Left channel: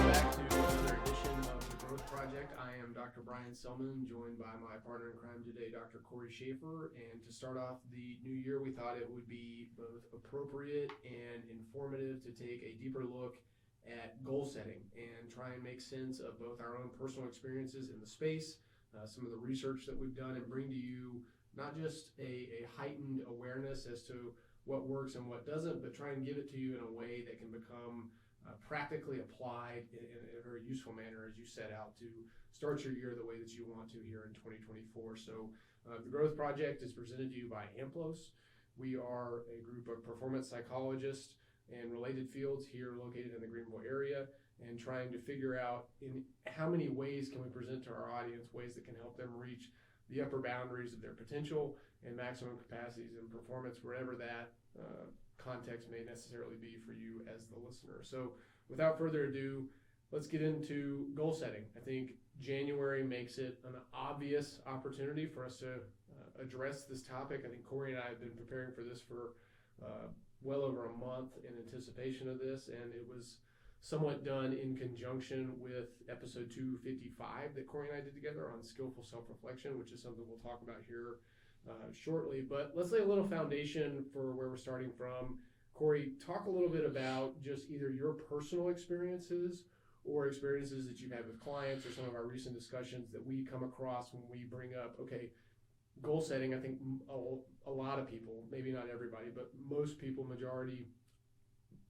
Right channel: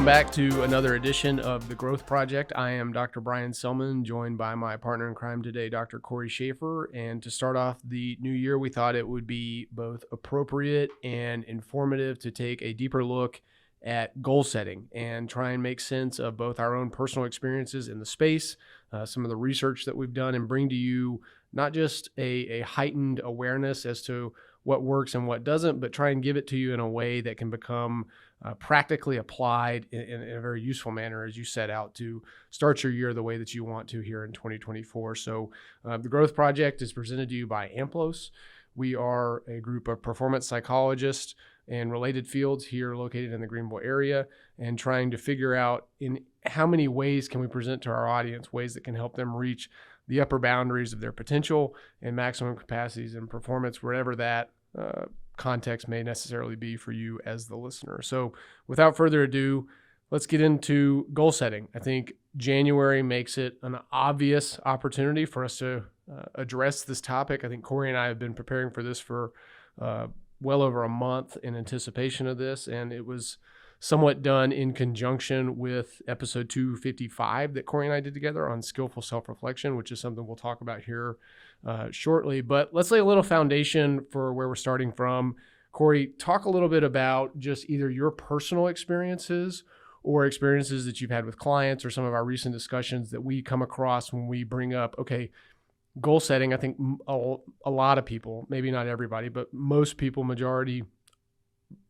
Welcome back to another edition of The Growth Project. I am Dr. Brian Selman, joined by my partner in crime today, Dr. Cory Shaffer. And to start off the new year, we thought it would be both appropriate and informative to take a deeper look at goal setting and try and make sense of both our own personal experiences in the space, some of the research that we've done, and bring to you not just a heightened awareness as to what works and what doesn't, but try and give it to you in a way that can become practically applied in a very useful manner as you set out to start your year the way that you want to here in 2024. So the Growth Project is presented to you by AMPLOS. We are a group of performance psychologists and related fields here located in the Greenville area, and trying to figure out in how many ways can we present to our audience ways that can help them reach the upper boundaries of their potential and maximum capacities and performance, wherever that context may necessarily be for you as the listener. So without further ado, let's get into goal setting. I think January makes it an obvious opportunity for us to address this topic. I think Cory and I have been preparing for this for well over a month in anticipation of this, and it was somewhat done in conjunction with episode 255 that Cory and I did together on skillful self-reflection, which is something we'll talk about here shortly. But let's lay a little foundation for where we're starting from. Cory, talk a little bit about just either your personal experiences or experiences that you've had with clients or some of our recent discussions that we come across when we bring up, okay, goal setting. I think a lot of people, maybe not everybody, but most people, majority,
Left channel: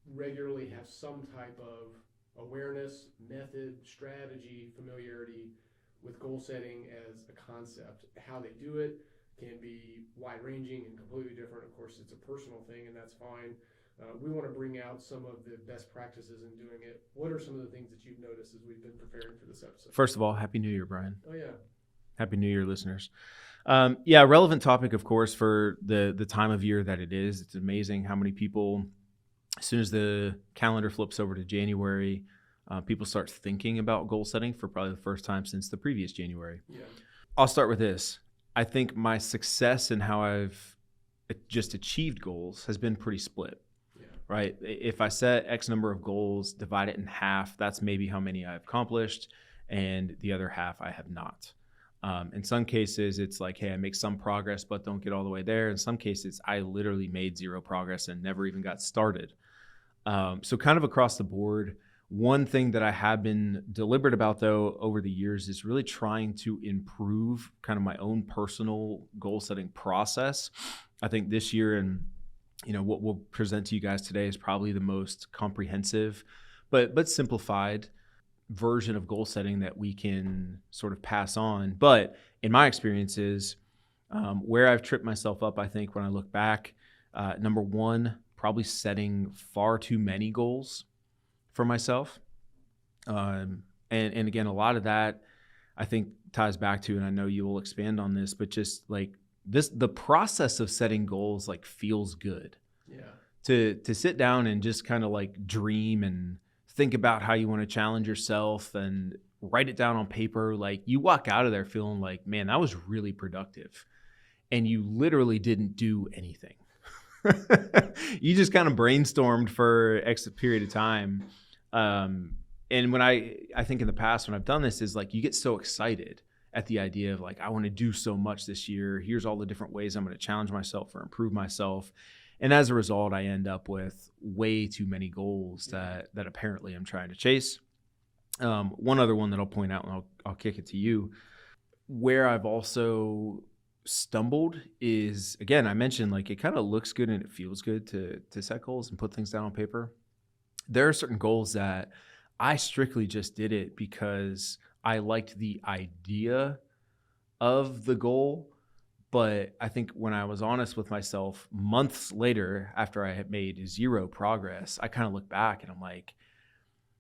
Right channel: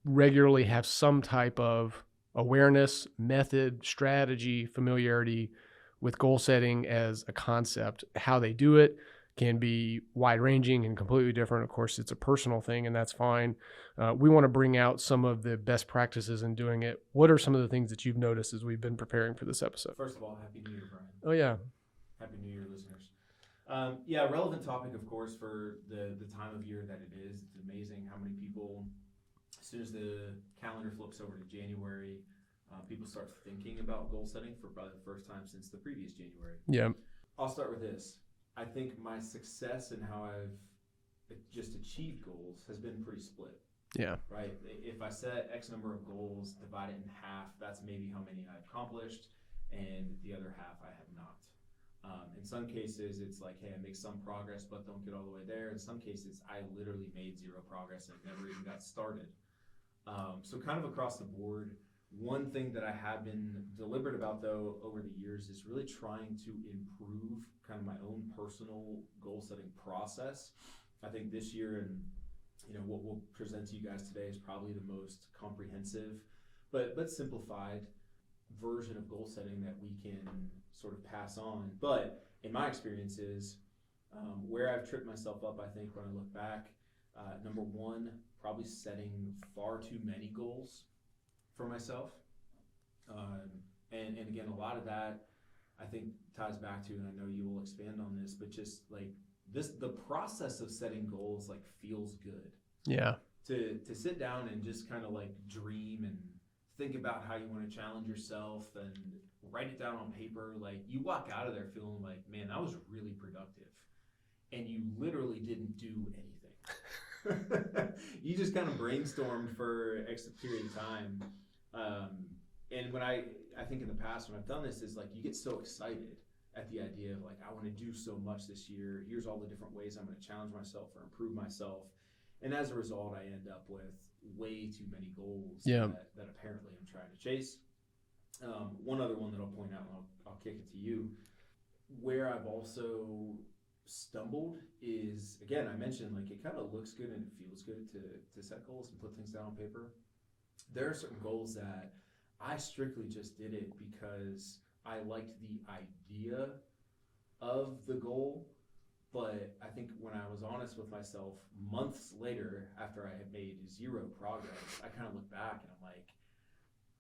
regularly have some type of awareness, method, strategy, familiarity with goal setting as a concept. How they do it can be wide-ranging and completely different. Of course, it's a personal thing, and that's fine. We want to bring out some of the best practices in doing it. What are some of the things that you've noticed as we've been preparing for this episode? First of all, Happy New Year, Brian. Oh, yeah. Happy New Year, listeners. Relevant topic, of course, for the time of year that it is. It's amazing how many people, as soon as the calendar flips over to January, people start thinking about goal setting for probably the first time since the previous January. Yeah. I'll start with this. I think my success in how I've just achieved goals has been pretty split. Yeah. Right. If I set X number of goals, divide it in half, that's maybe how many I've accomplished, and the other half I have not. In some cases, it's like, hey, I make some progress, but don't get all the way there. In some cases, I literally made zero progress and never even got started. So kind of across the board, one thing that I have been deliberate about, though, over the years is really trying to improve kind of my own personal goal setting process. I think this year, and what we'll present to you guys today is probably the most comprehensive, but simplified version of goal setting that we can sort of pass on. But in my experiences, where I've tripped myself up, I think when I look back, number one, probably setting far too many goals for myself. And again, a lot of that I think ties back to, and I know you will expand on this, but just like the process of setting goals like feels good. Yeah. To sit down and just kind of like dream and think about how you want to challenge yourself and write it down on paper. Like you walk out of there feeling like, man, that was really productive. And you literally didn't do anything. You just kind of brainstormed for X period of time. And when I think in the past when I've done this is like you get so excited at the idea of like, I want to do so much this year. Here's all the different ways I'm going to challenge myself or improve myself. And as a result, I end up with way too many goals that apparently I'm trying to chase. One other one that I'll point out, and I'll kick it to you, where I've also stumbled is, again, I mentioned like it kind of looks good and it feels good to set goals and put things down on paper. There are certain goals that I strictly just did it because I liked the idea of the goal. But I think when I was honest with myself months later, after I had made zero progress, I kind of look back and I'm like,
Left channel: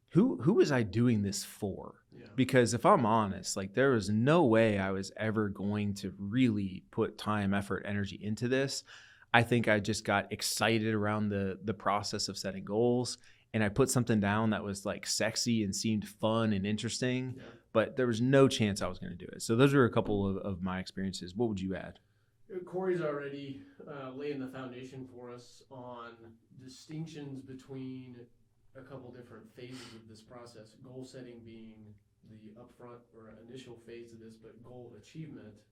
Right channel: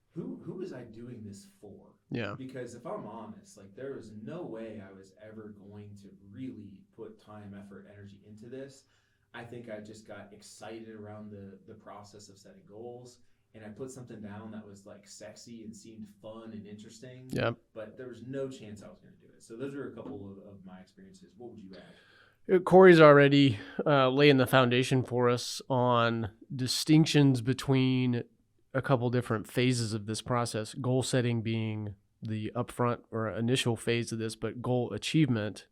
who was I doing this for? Yeah. Because if I'm honest, like there was no way I was ever going to really put time, effort, energy into this. I think I just got excited around the process of setting goals. And I put something down that was like sexy and seemed fun and interesting, but there was no chance I was going to do it. So those are a couple of my experiences. What would you add? Cory's already laying the foundation for us on distinctions between a couple different phases of this process, goal setting being the upfront or initial phase of this, but goal achievement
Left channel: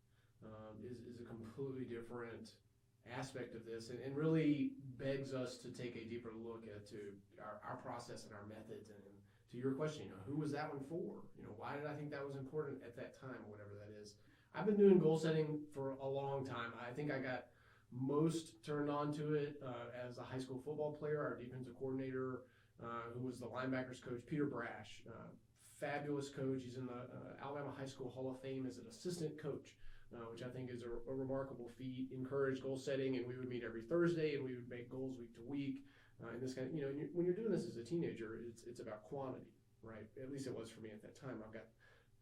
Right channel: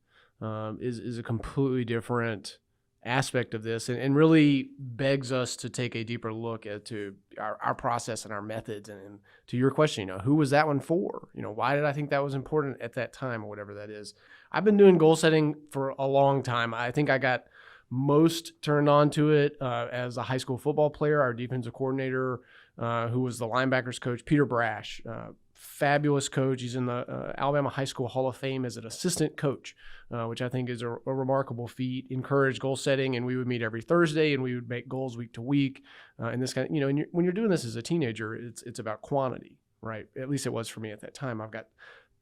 is a completely different aspect of this, and really begs us to take a deeper look to our process and our methods. And to your question, who was that one for? Why did I think that was important at that time, or whatever that is? I've been doing goal setting for a long time. I think I got most turned on to it as a high school football player. Our defensive coordinator, who was the linebackers coach, Peter Brash, fabulous coach. He's in the Alabama High School Hall of Fame as an assistant coach, which I think is a remarkable feat. Encouraged goal setting, and we would meet every Thursday, and we would make goals week to week. And this kind of, and when you're doing this as a teenager, it's about quantity, right? At least it was for me at that time. I've got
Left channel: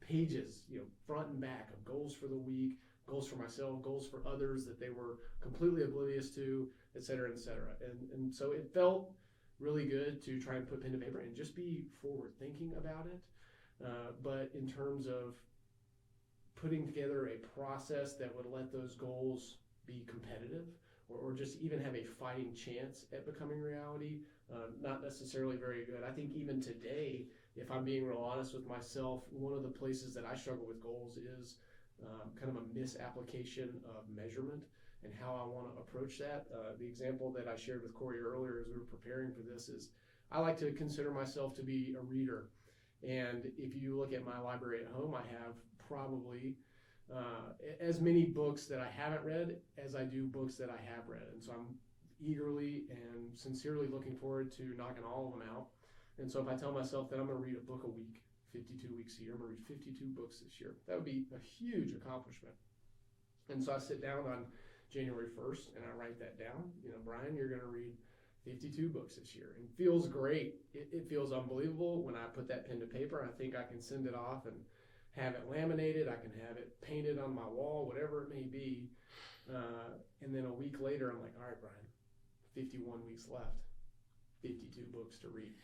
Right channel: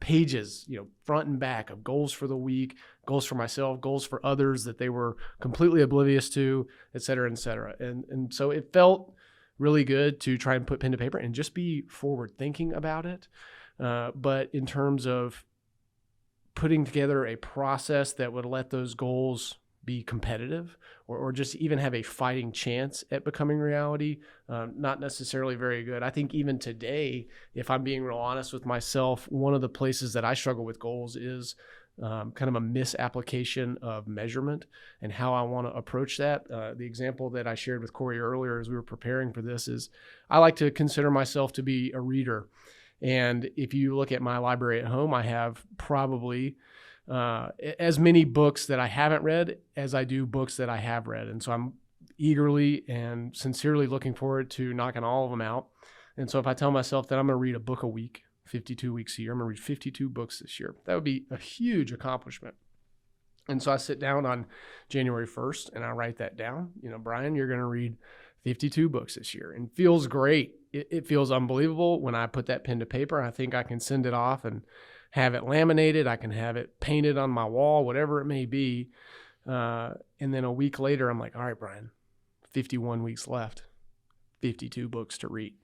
pages, front and back, of goals for the week, goals for myself, goals for others that they were completely oblivious to, et cetera, et cetera. And so it felt really good to try and put pen to paper and just be forward thinking about it. But in terms of putting together a process that would let those goals be competitive, or just even have a fighting chance at becoming reality, not necessarily very good. I think even today, if I'm being real honest with myself, one of the places that I struggle with goals is kind of a misapplication of measurement and how I want to approach that. The example that I shared with Cory earlier as we were preparing for this is I like to consider myself to be a reader. And if you look at my library at home, I have probably as many books that I haven't read as I do books that I have read. And so I'm eagerly and sincerely looking forward to knocking all of them out. And so if I tell myself that I'm going to read a book a week, 52 weeks a year, I'm going to read 52 books this year, that would be a huge accomplishment. And so I sit down on January 1st and I write that down. Brian, you're going to read 52 books this year, and feels great. It feels unbelievable when I put that pen to paper. I think I can send it off and have it laminated. I can have it painted on my wall, whatever it may be. And then a week later, I'm like, all right, Brian, 51 weeks left, 52 books to read.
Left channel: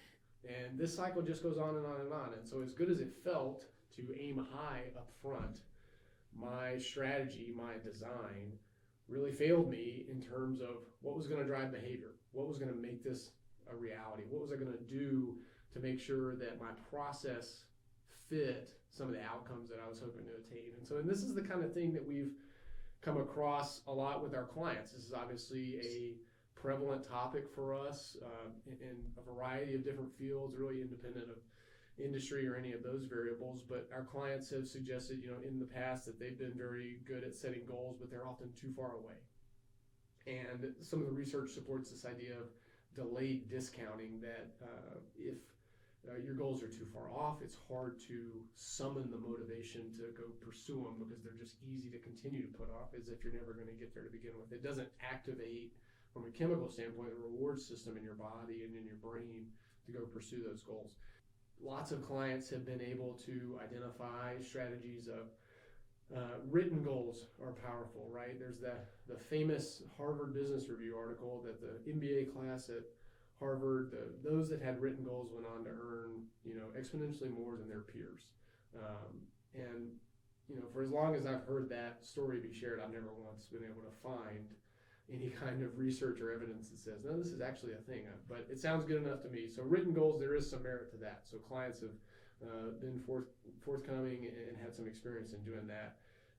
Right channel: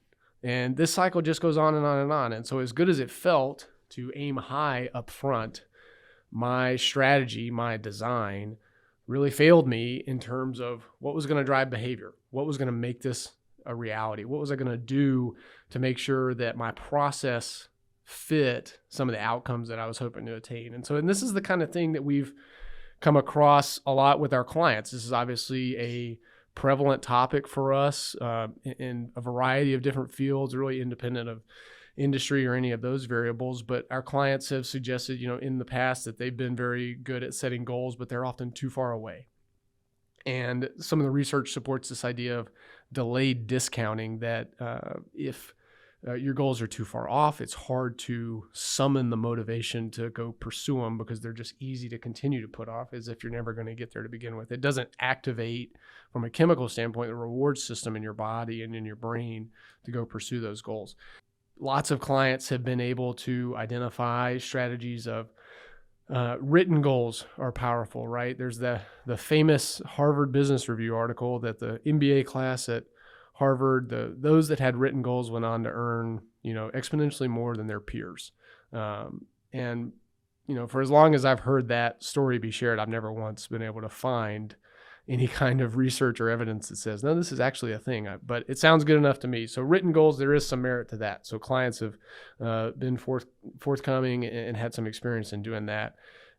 And this cycle just goes on and on and on. And so as good as it felt to aim high up front, my strategy, my design really failed me in terms of what was going to drive behavior, what was going to make this a reality, what was I going to do to make sure that my process fit some of the outcomes that I was hoping to attain. And this is the kind of thing that we've come across a lot with our clients. This is obviously a prevalent topic for us in a variety of different fields, really independent of industry or any of those variables. But our clients have suggested, in the past that they've been very good at setting goals, but they're often too far away. And some of the research supports this idea of delayed discounting, that if your goals are too far off, it's hard to summon the motivation to go pursue them because they're just easy to continue to put off, as if you're never going to get there to begin with. It doesn't activate, from a chemical standpoint, the reward system in your body and in your brain to go pursue those goals. Lots of clients have been able to identify strategies of written goals are powerful, right? There's the famous Harvard Business Review article that the MBA class at Harvard, those that had written goals went on to earn, exponentially more than their peers. And for as long as I've heard that story be shared, I've never once been able to find any kind of research or evidence that says, no, this is actually a thing. But it sounds good enough to me. So written goals, there is some merit to that. So clients have been forthcoming and had some experience in doing that.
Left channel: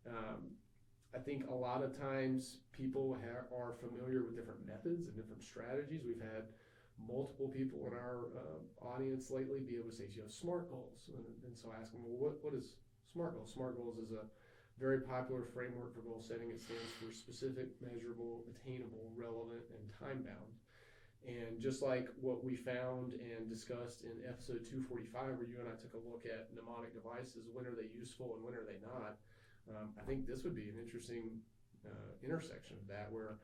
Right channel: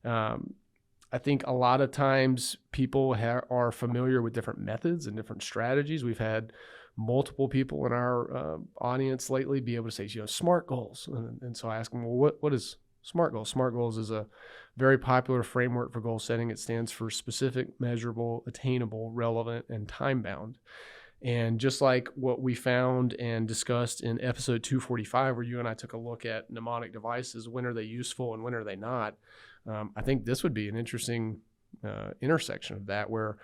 I think a lot of times people are familiar with different methods and different strategies. We've had multiple people in our audience lately be able to say, SMART goals. And so I ask them, well, what is SMART goals? SMART goals is a very popular framework for goal setting. It stands for specific, measurable, attainable, relevant, and time-bound. And just like what we found and discussed in episode 245, where you and I took a look at mnemonic devices, when are they useful and when are they not, I think this would be an interesting intersection of that, where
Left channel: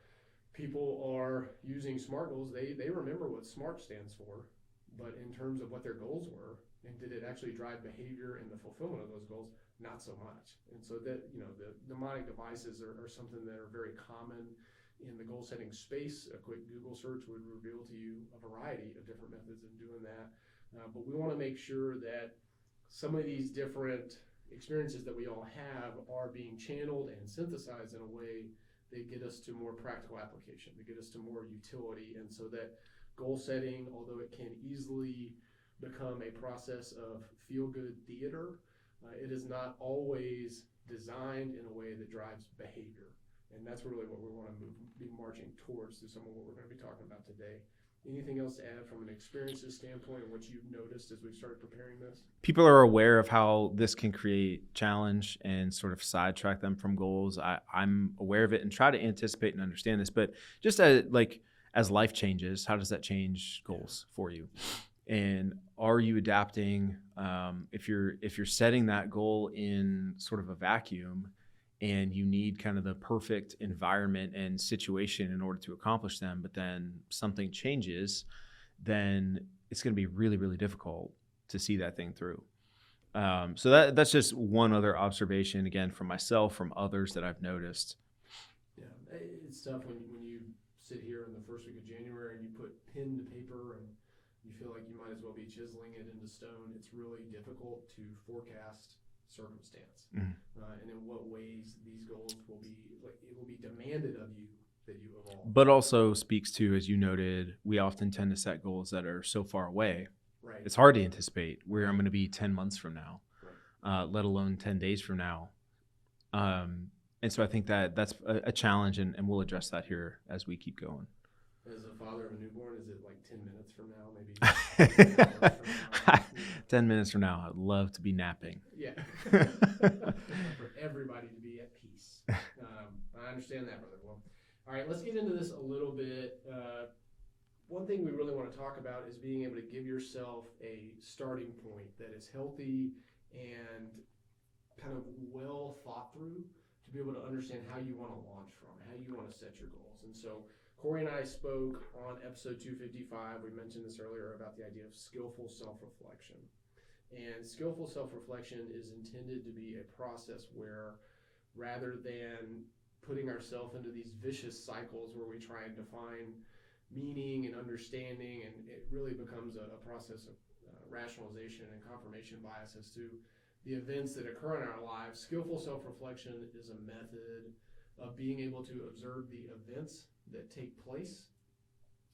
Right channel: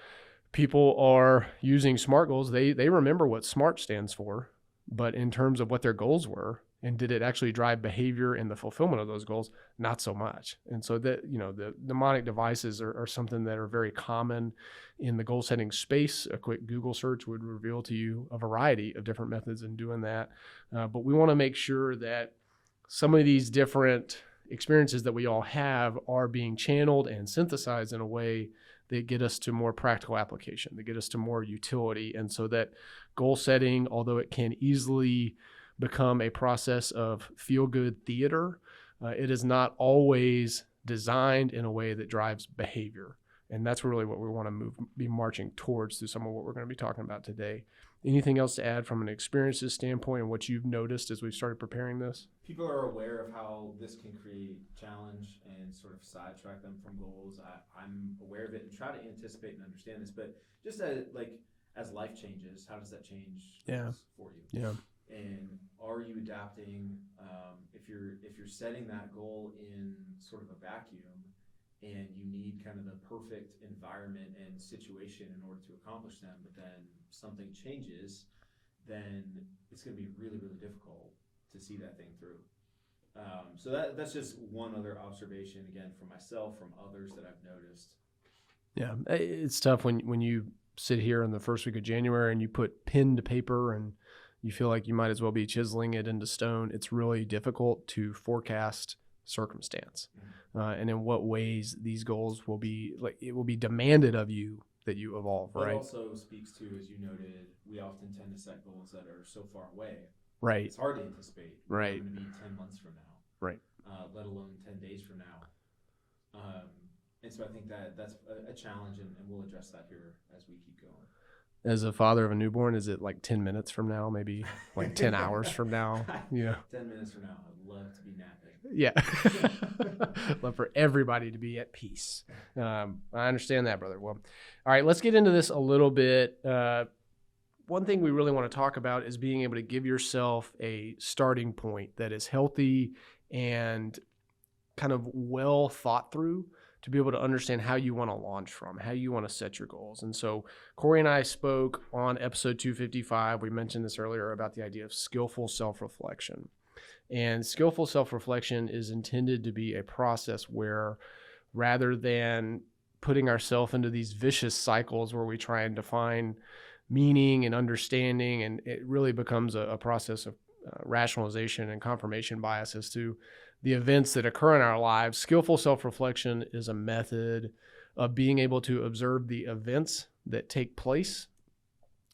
people are using SMART goals. They remember what SMART stands for, but in terms of what their goals were, and did it actually drive behavior and the fulfillment of those goals? Not so much. And so that, the mnemonic devices are something that are very common in the goal setting space. A quick Google search would reveal to you a variety of different methods in doing that. But we want to make sure that some of these different experiences that we all have are being channeled and synthesized in a way that get us to more practical application, that get us to more utility. And so that goal setting, although it can easily become a process of feel-good theater, it is not always designed in a way that drives behavior. And that's really what we want to be marching towards through some of what we're going to be talking about today. Anything else to add from an experiences standpoint and what you've noticed as we've started preparing this? People are aware of how this can create challenge and sort of sidetrack them from goals. I'm aware of it and try to anticipate and understand this, but just as life changes, how does that change goals for you? Yeah. And are you adapting? If you're setting that goal in sort of a vacuum and you need kind of the perfect environment and situation in order to accomplish them, but then something changes, then it's going to be really, really difficult to see that thing through. So that's just one other observation, again, from myself, from others that I've noticed. Yeah, it's tough when you sit here in the first week of January and you put pen to paper and you feel like you might as well be chiseling it into stone. It's really difficult to forecast circumstance, and in what ways these goals will be, like, it will be demanded of you that you evolve. But also speaks to, as you noted, we often tend to set goals that are so far away. Right. It's hard to anticipate where Right. I'm going to be 10 months from now. Right. Let alone 10 days from now. And so I think that's a challenge, and we'll address that here as we keep going. As a father of a newborn, is it like 10 minutes from now, maybe like 10 hours from now? Yeah. 10 minutes from now, I'd love to be napping. Yeah. But for everybody to be at peace. I understand that, brother. Well, all right, let's get into this a little bit. One thing we really want to talk about is being able to give yourself a starting point that is healthy and kind of well thought through, to be able to understand how you want to launch from, how you want to set your goals. And so Cory and I spoke on episode 255. We mentioned this earlier about the idea of skillful self-reflection. And skillful self-reflection is intended to be a process where, rather than putting ourselves into these vicious cycles where we try and define meaning and understanding, and it really becomes a process of rationalization and confirmation bias as to the events that occur in our lives, skillful self-reflection is a method of being able to observe the events that take place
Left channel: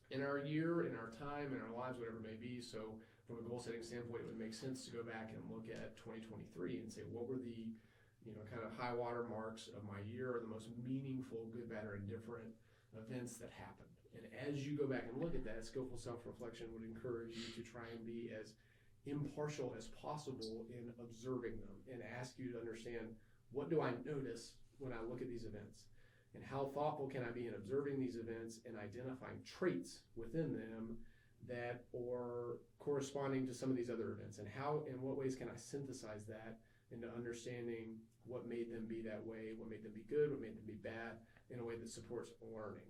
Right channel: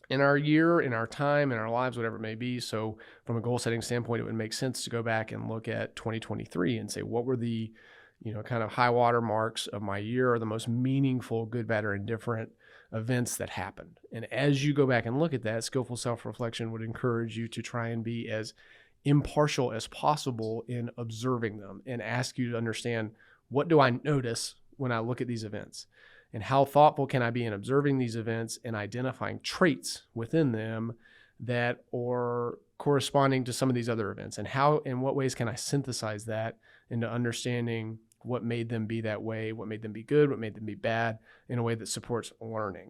in our year, in our time, in our lives, whatever it may be. So from a goal setting standpoint, it would make sense to go back and look at 2023 and say, what were the, kind of high water marks of my year, or the most meaningful, good, bad, or indifferent events that happened. And as you go back and look at that, skillful self-reflection would encourage you to try and be as impartial as possible in observing them, and ask you to understand, what do I notice when I look at these events, and how thoughtful can I be in observing these events and identifying traits within them that are corresponding to some of these other events, and how, in what ways can I synthesize that into understanding what made them be that way, what made them be good, what made them be bad, in a way that supports learning.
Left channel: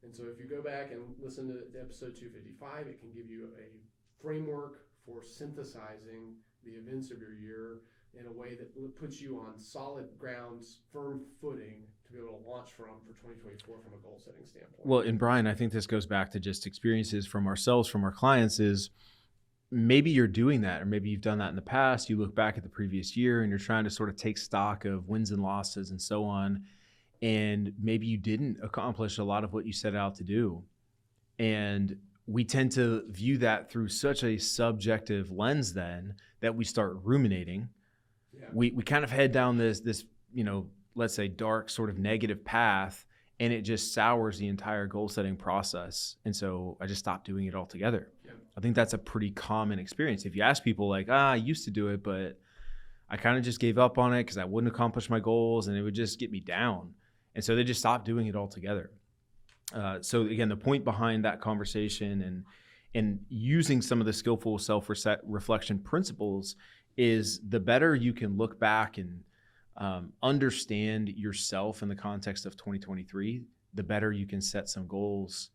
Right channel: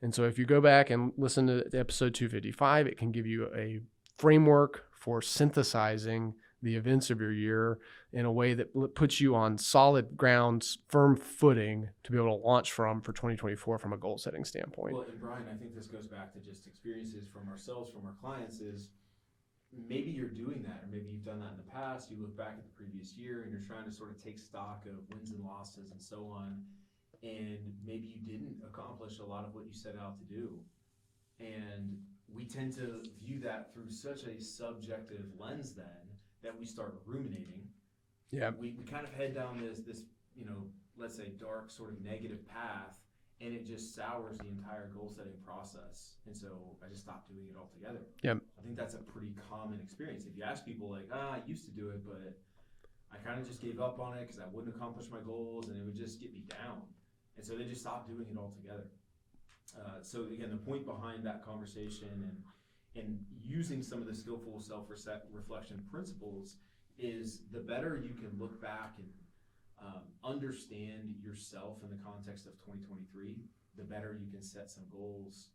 And so if you go back and listen to episode 255, it can give you a framework for synthesizing the events of your year in a way that puts you on solid grounds, firm footing, to be able to launch from for 2024 from a goal setting standpoint. Well, and Brian, I think this goes back to just experiences from ourselves, from our clients, is maybe you're doing that, or maybe you've done that in the past. You look back at the previous year and you're trying to sort of take stock of wins and losses and so on. And maybe you didn't accomplish a lot of what you set out to do. And we tend to view that through such a subjective lens then that we start ruminating. Yeah. We kind of head down this, let's say dark sort of negative path, and it just sours the entire goal setting process. And so I just stopped doing it altogether. Yeah. I think that's a pretty common experience. If you ask people like, I used to do it, but I kind of just gave up on it because I wouldn't accomplish my goals and it would just get me down. And so they just stopped doing it altogether. So again, the point behind that conversation and using some of the skillful self-reflection principles is, the better you can look back and understand yourself in the context of 2023, the better you can set some goals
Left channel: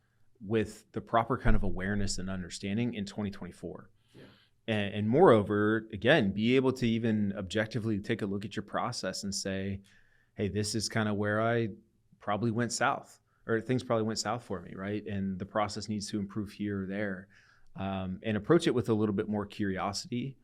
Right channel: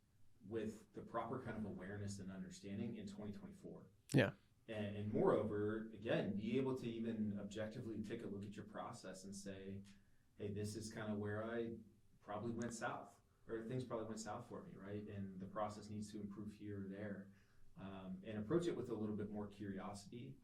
with the proper kind of awareness and understanding in 2024. Yeah. And moreover, again, be able to even objectively take a look at your process and say, hey, this is kind of where I probably went south, or things probably went south for me, right? And the process needs to improve here or there, and approach it with a little bit more curiosity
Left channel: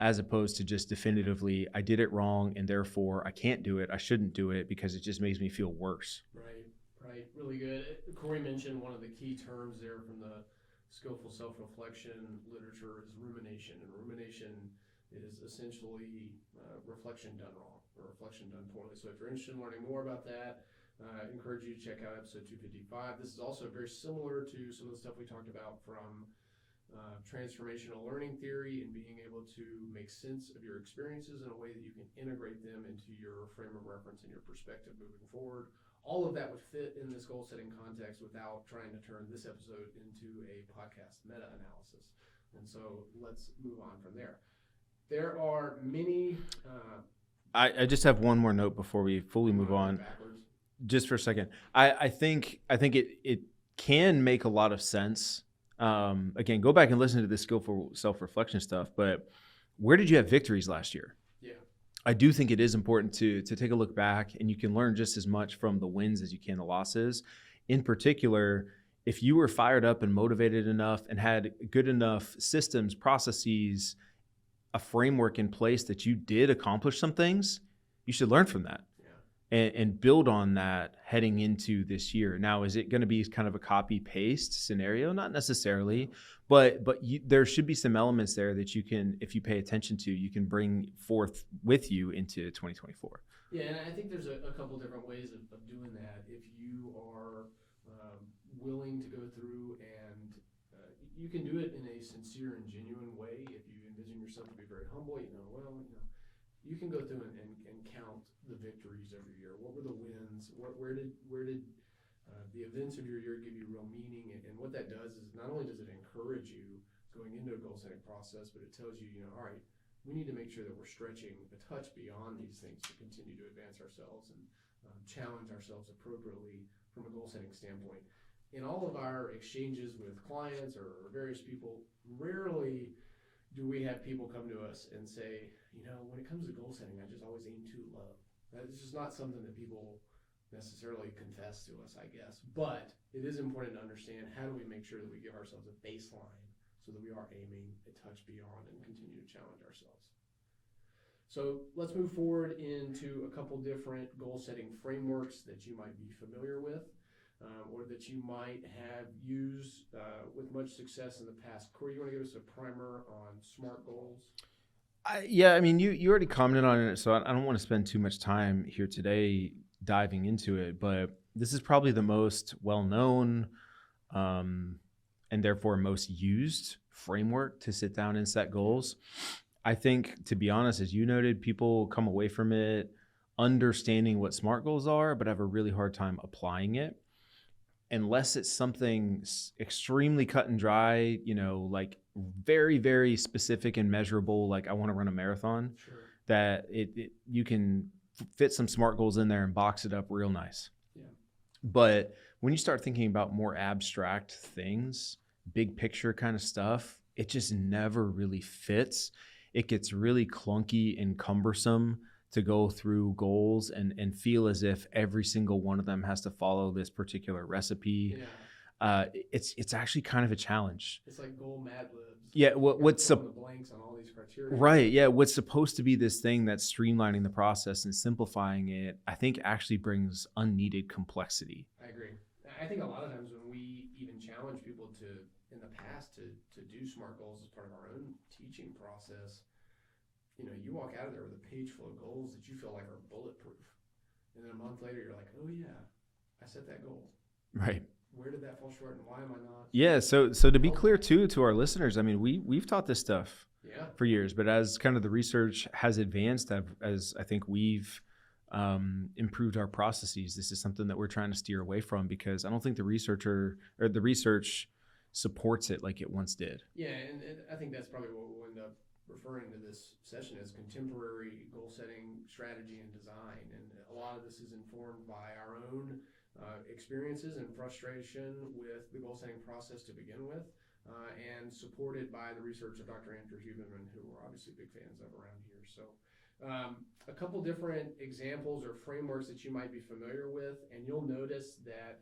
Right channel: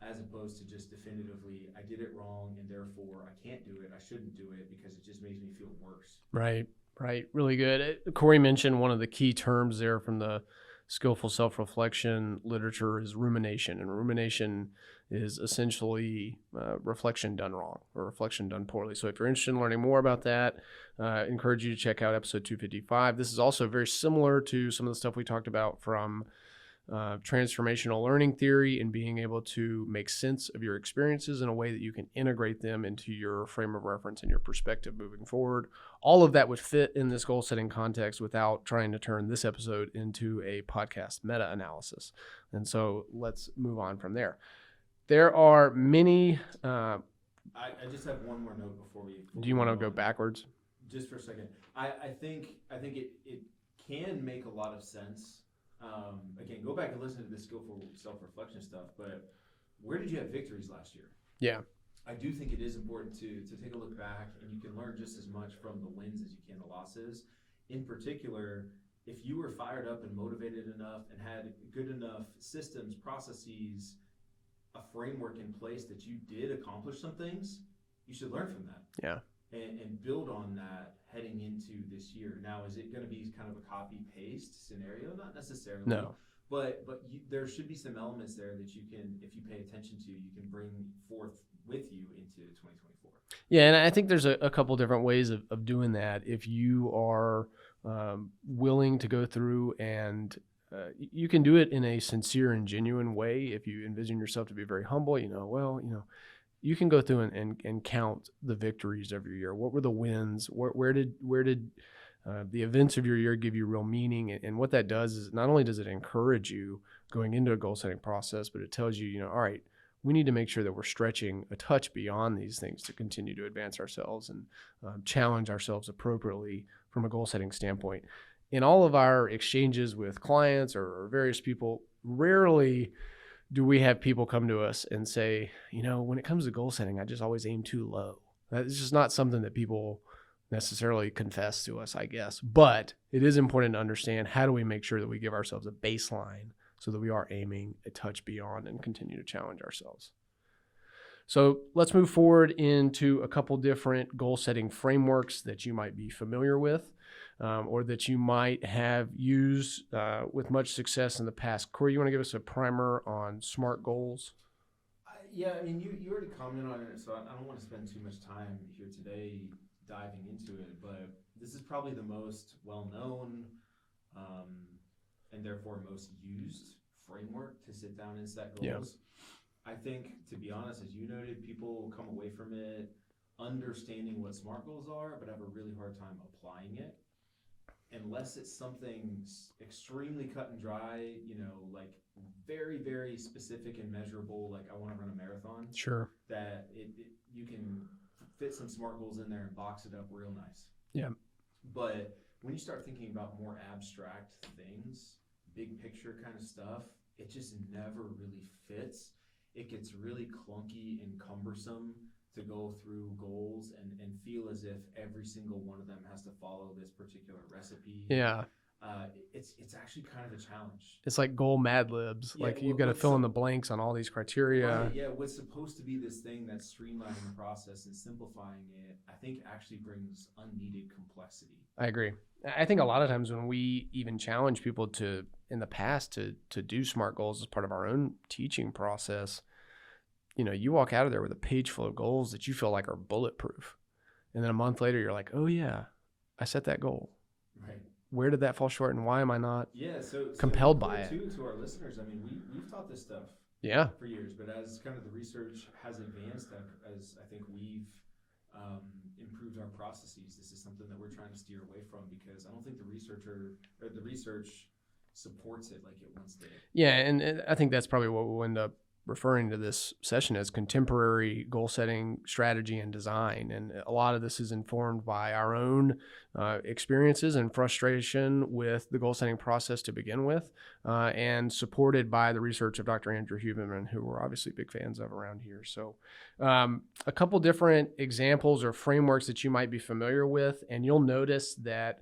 as opposed to just definitively, I did it wrong and therefore I can't do it. I shouldn't do it because it just makes me feel worse. Right. Right. Really good. Cory mentioned one of the key terms there from the skillful self-reflection literature is rumination. And rumination is essentially reflection done wrong or reflection done poorly. So if you're interested in learning more about that, I encourage you to check out episode 255. This is also very similar to some of the stuff we talked about from transformational learning theory and being able to make sense of your experiences in a way that you can integrate them into your frame of reference and your perspective moving forward. All of that would fit in this goal setting context without trying to turn this episode into a podcast meta-analysis. And so let's move on from there. There are many. I just have one more note before we fully do you move want to on. go backwards? Just for a second. I think it can make a lot of sense. Again, go back and listen to the skillful self-reflection stuff, but where did you have victories last year? Yeah. I do think it is important to take a look back, and you can learn just as much from the wins as you can the losses. In particular, if you were fired up and motivated enough and had good enough systems, processes, a framework in place that you did accomplish some things, you should learn from that. Yeah. And build on that heading into this year. Now, is it going to be kind of a copy paste scenario? Not necessarily, No. but there should be some elements there that you can, if you pay attention to, you can bring forth with you into 2024. Yeah, and I think there's a couple different ways of doing that. If you are willing to go through and you can do it in a sincere and genuine way. If you envision yourself to be very humble, you can go through and count the victories of your year. What were the wins? Where did the events of your year give you real meaning? And what that does is not only does it encourage you going into a goal setting process, but it tells you, all right, we need to make sure that we're stretching a touch beyond these things to continue to advance ourselves and challenge ourselves appropriately from a goal setting standpoint. In all of our exchanges with clients or various people, rarely do we have people come to us and say, when it comes to goal setting, I just always aim too low. That's just not something that people necessarily confess to us, I guess. But it is important to understand, how do we make sure that we give ourselves a baseline so that we are aiming a touch beyond and continue to challenge ourselves. So let's move forward into a couple different goal setting frameworks that you might be familiar with. Or that you might have used with much success in the past. Cory, you want to give us a primer on SMART goals? Yeah, you already commented on it, so I don't want to spend too much time here today diving into it, but this is probably the most well-known and therefore most used framework to sit down and set goals. Yeah. I think, to be honest, as you noted, people come away from it understanding what SMART goals are, but have a really hard time applying it. Unless it's something extremely cut and dry, like very, very specific and measurable, like I want to run a marathon. Sure. That you can fit some SMART goals in there and box it up real nice. Yeah. But when you start thinking about more abstract things, big picture kind of stuff, it just never really fits. It gets really clunky and cumbersome to go through goals and feel as if every single one of them has to follow this particular recipe. Yeah. It's actually kind of a challenge. It's like goal Mad Libs. Yeah. Like you got to fill in the blanks on all these criteria. Right. Yeah. What's supposed to be this thing that's streamlining the process and simplifying it, I think actually brings unneeded complexity. I agree. I think a lot of times when we even challenge people in the past to do SMART goals as part of our own teaching process, you walk out of there with a page full of goals that you feel like are bulletproof. And then a month later, you're like, oh yeah, I set that goal. Right. Where did that fall short and why am I not? Yeah. So to be clear too, to our listeners, we've taught this stuff for years, but as kind of the research has advanced, as I think we've improved our processes, this is something that we're trying to steer away from, because I don't think the research supports it like it once did. Yeah. And I think that's probably what we'll end up referring to this session as contemporary goal setting strategy and design. And a lot of this is informed by our own experiences and frustration with the goal setting process to begin with, and supported by the research of Dr. Andrew Huberman, who we're obviously big fans of around here. So a couple different examples or frameworks that you might be familiar with, and you'll notice that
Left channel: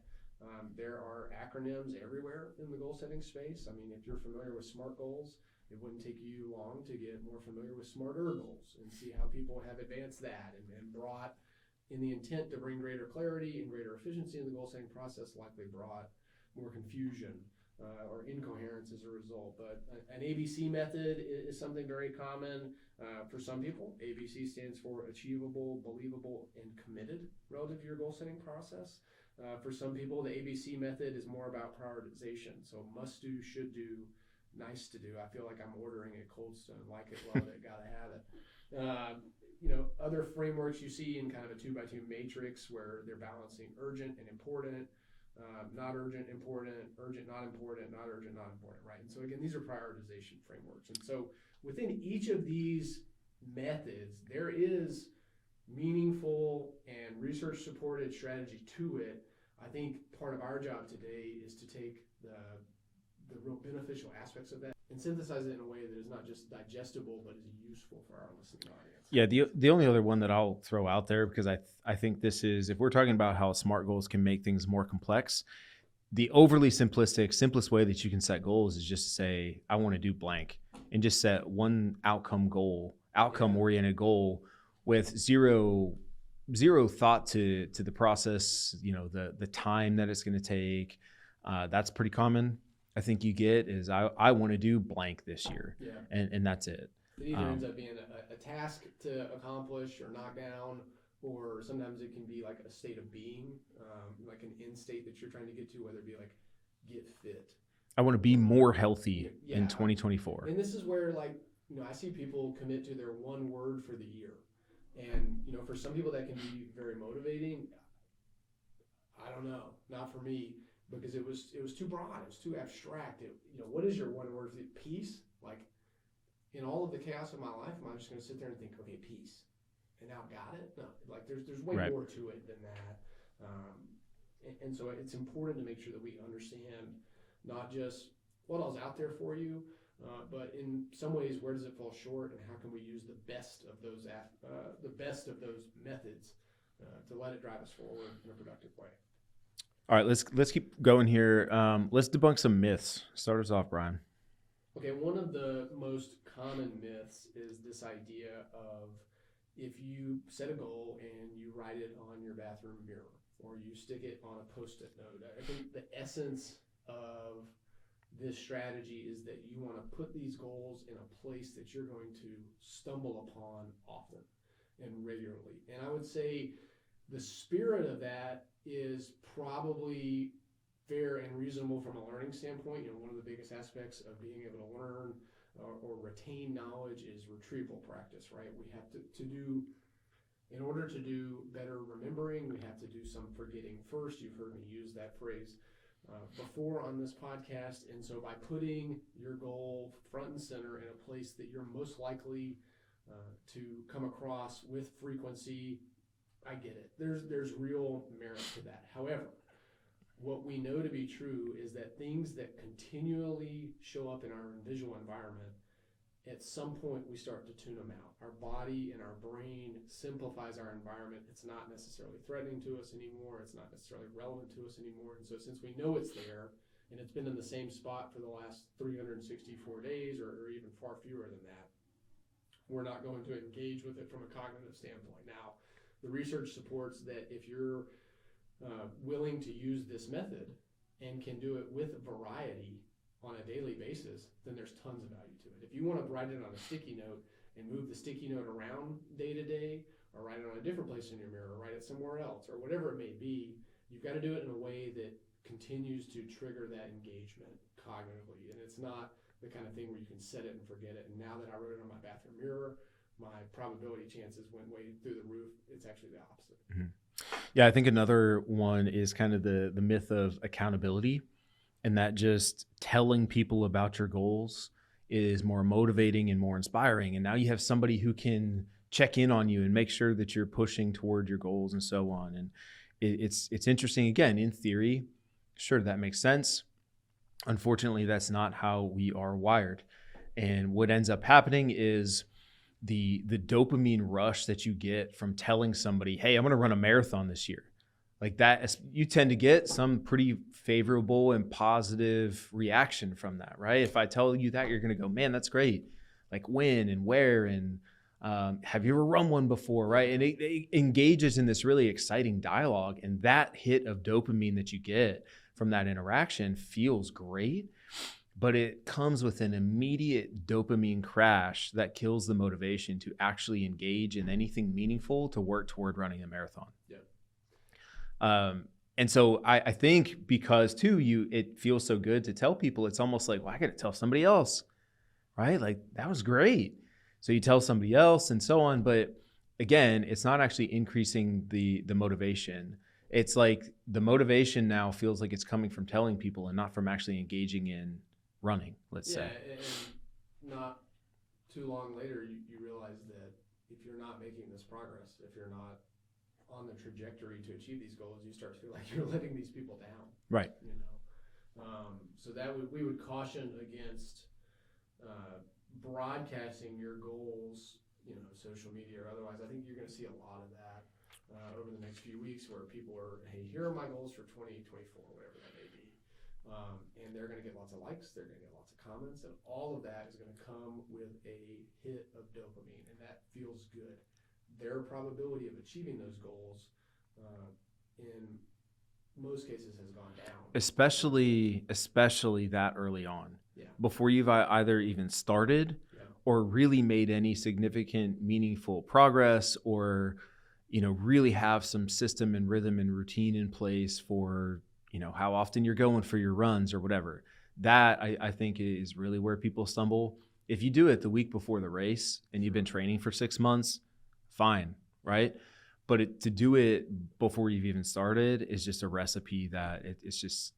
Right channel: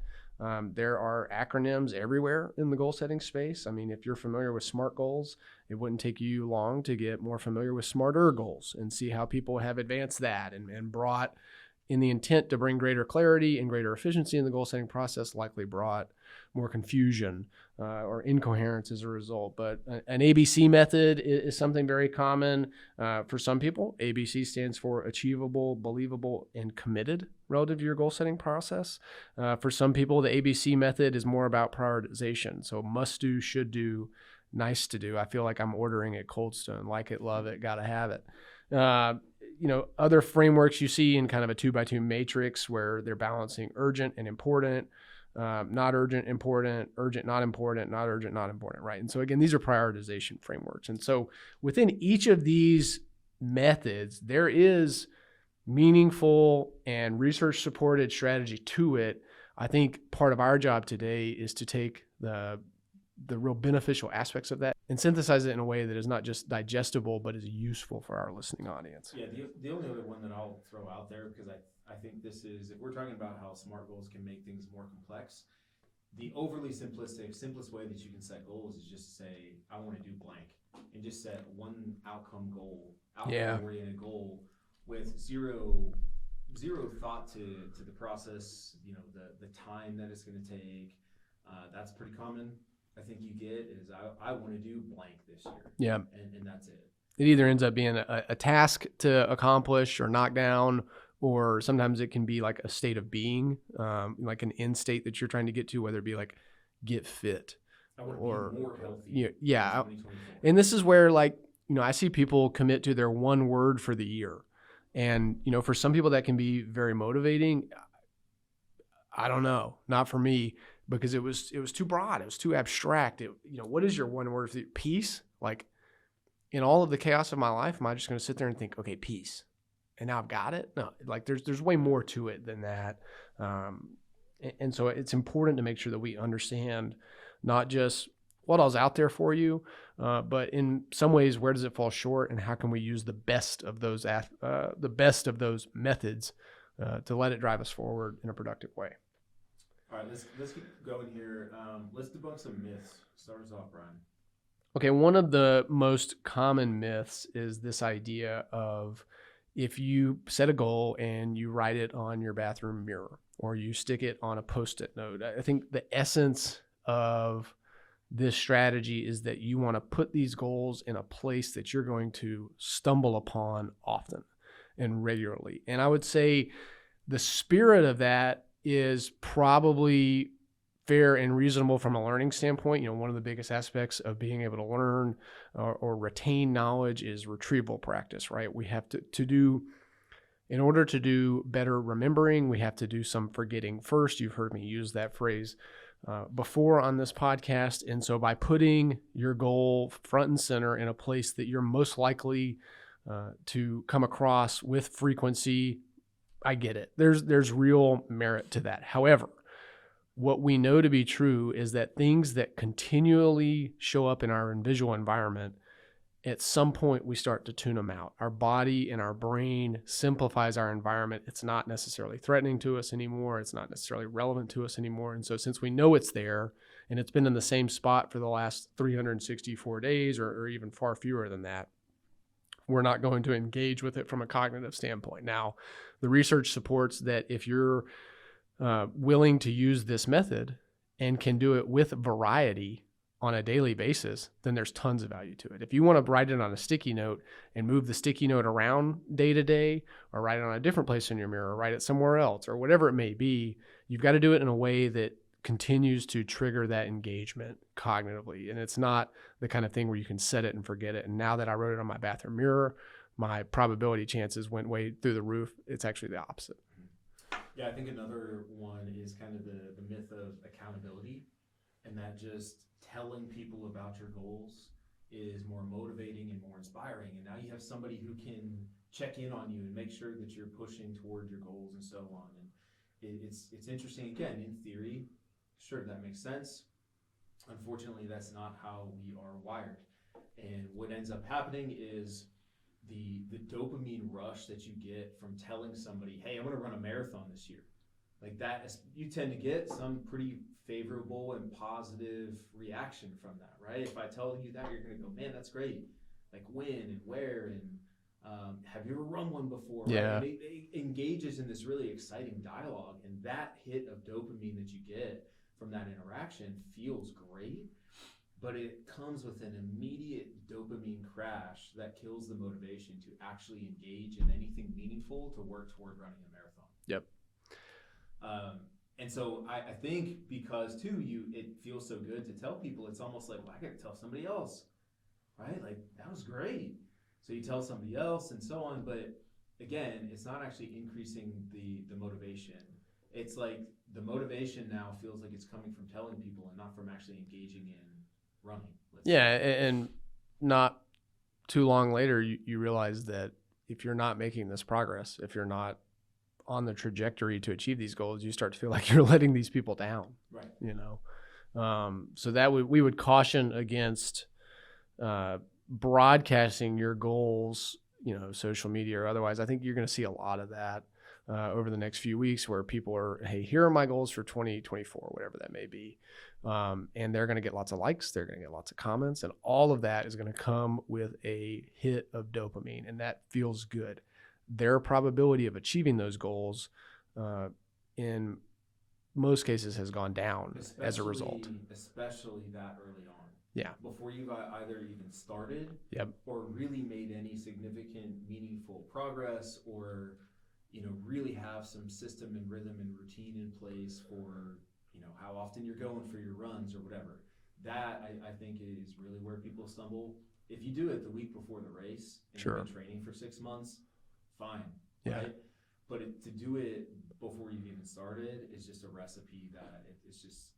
There are acronyms everywhere in the goal setting space. I mean, if you're familiar with SMART goals, it wouldn't take you long to get more familiar with SMARTer goals and see how people have advanced that and brought, in the intent to bring greater clarity and greater efficiency in the goal setting process, likely brought more confusion or incoherence as a result. But an ABC method is something very common for some people. ABC stands for achievable, believable, and committed relative to your goal setting process. For some people, the ABC method is more about prioritization. So must do, should do, nice to do. I feel like I'm ordering at Cold Stone. Like it, love it, gotta have it. Other frameworks you see in kind of a 2x2 matrix where they're balancing urgent and important, not urgent, important, urgent, not important, not urgent, not important, right? And so again, these are prioritization frameworks. And so within each of these methods, there is meaningful and research supported strategy to it. I think part of our job today is to take the real beneficial aspects of that and synthesize it in a way that is not just digestible, but is useful for our listening audience. Yeah, the only other one that I'll throw out there, because I think this is, if we're talking about how SMART goals can make things more complex, the overly simplistic, simplest way that you can set goals is just to say, I want to do blank, and just set one outcome-oriented goal with zero thought to the process, the time that it's going to take. That's pretty common. I think you get is I want to do blank this year. Yeah. And that's it. It either ends up being a task to accomplish or knock down, or sometimes it can be like a state of being, like an end state that you're trying to get to, whether it be like get fit. I want to be more healthy in 2024. And this is where I see people commit to their one word for the year. And, for some people that can be very motivating. I don't know, not for me. Because it was too broad. It was too abstract. What is your one word for peace? Like in all of the chaos of my life, am I just going to sit there and think, okay, peace, and now I've got it? No, like there's way more to it than that. And so it's important to make sure that we understand not just what all's out there for you, but in some ways, where does it fall short, and how can we use the best of those methods to let it drive us forward in a productive way. All right, let's keep going here. Let's debunk some myths. Start us off, Brian. Okay, one of the most common myths is this idea of if you set a goal and you write it on your bathroom mirror or you stick it on a Post-it note. I think the essence of this strategy is that you want to put these goals in a place that you're going to stumble upon often and regularly. And I would say the spirit of that is probably fair and reasonable from a learning standpoint. One of the biggest aspects of being able to learn or retain knowledge is retrieval practice, right? We have to do, in order to do better remembering, we have to do some forgetting first. You've heard me use that phrase before on this podcast. And so by putting your goal front and center in a place that you're most likely to come across with frequency, I get it. There's real merit to that. However, what we know to be true is that things that continually show up in our visual environment, at some point we start to tune them out. Our body and our brain simplifies our environment. It's not necessarily threatening to us anymore. It's not necessarily relevant to us anymore. And so since we know it's there and it's been in the same spot for the last 364 days or even far fewer than that, we're not going to engage with it from a cognitive standpoint. Now, the research supports that if you're willing to use this method and can do it with variety on a daily basis, then there's tons of value to it. If you want to write it on a sticky note and move the sticky note around day to day, or write it on a different place in your mirror, or write it somewhere else, or whatever it may be, you've got to do it in a way that continues to trigger that engagement cognitively. And it's not the kind of thing where you can set it and forget it. And now that I wrote it on my bathroom mirror, my probability chances went way through the roof. It's actually the opposite. Mm-hmm. Yeah, I think another one is kind of the myth of accountability, and that just telling people about your goals is more motivating and more inspiring. And now you have somebody who can check in on you and make sure that you're pushing toward your goals and so on. And it's interesting. Again, in theory, sure, that makes sense. Unfortunately, that's not how we are wired. And what ends up happening is the dopamine rush that you get from telling somebody, hey, I'm going to run a marathon this year. like that, you tend to get some pretty favorable and positive reaction from that, right? If I tell you that, you're going to go, man, that's great. Like when and where and have you ever run one before, right? Yeah. And it engages in this really exciting dialogue, and that hit of dopamine that you get from that interaction feels great, but it comes with an immediate dopamine crash that kills the motivation to actually engage in anything meaningful to work toward running a marathon. Yep. And so I think because too, it feels so good to tell people, it's almost like, well, I got to tell somebody else, right? Like that was great. So you tell somebody else and so on. But again, it's not actually increasing the motivation. It's like the motivation now feels like it's coming from telling people and not from actually engaging in running. Let's say. And not too long later, you realize that if you're not making this progress, if you're not on the trajectory to achieve these goals, you start to feel like you're letting these people down. Right. You know, so that we would caution against broadcasting your goals, you know, social media or otherwise. I think you're going to see a lot of that over the next few weeks where people are, hey, here are my goals for 2024, whatever that may be. And they're going to get lots of likes. They're going to get lots of comments. And all of that is going to come with a hit of dopamine. And that feels good. Their probability of achieving those goals in most cases has gone down. Especially that early on. Yeah. Before you've either even started or really made any significant, meaningful progress or, you know, really have some system and rhythm and routine in place for, you know, how often you're going for your runs or whatever. That I think is really where people stumble. If you do it the week before the race and you've been training for 6 months, fine, right? But to do it before you've even started is just a recipe that it's just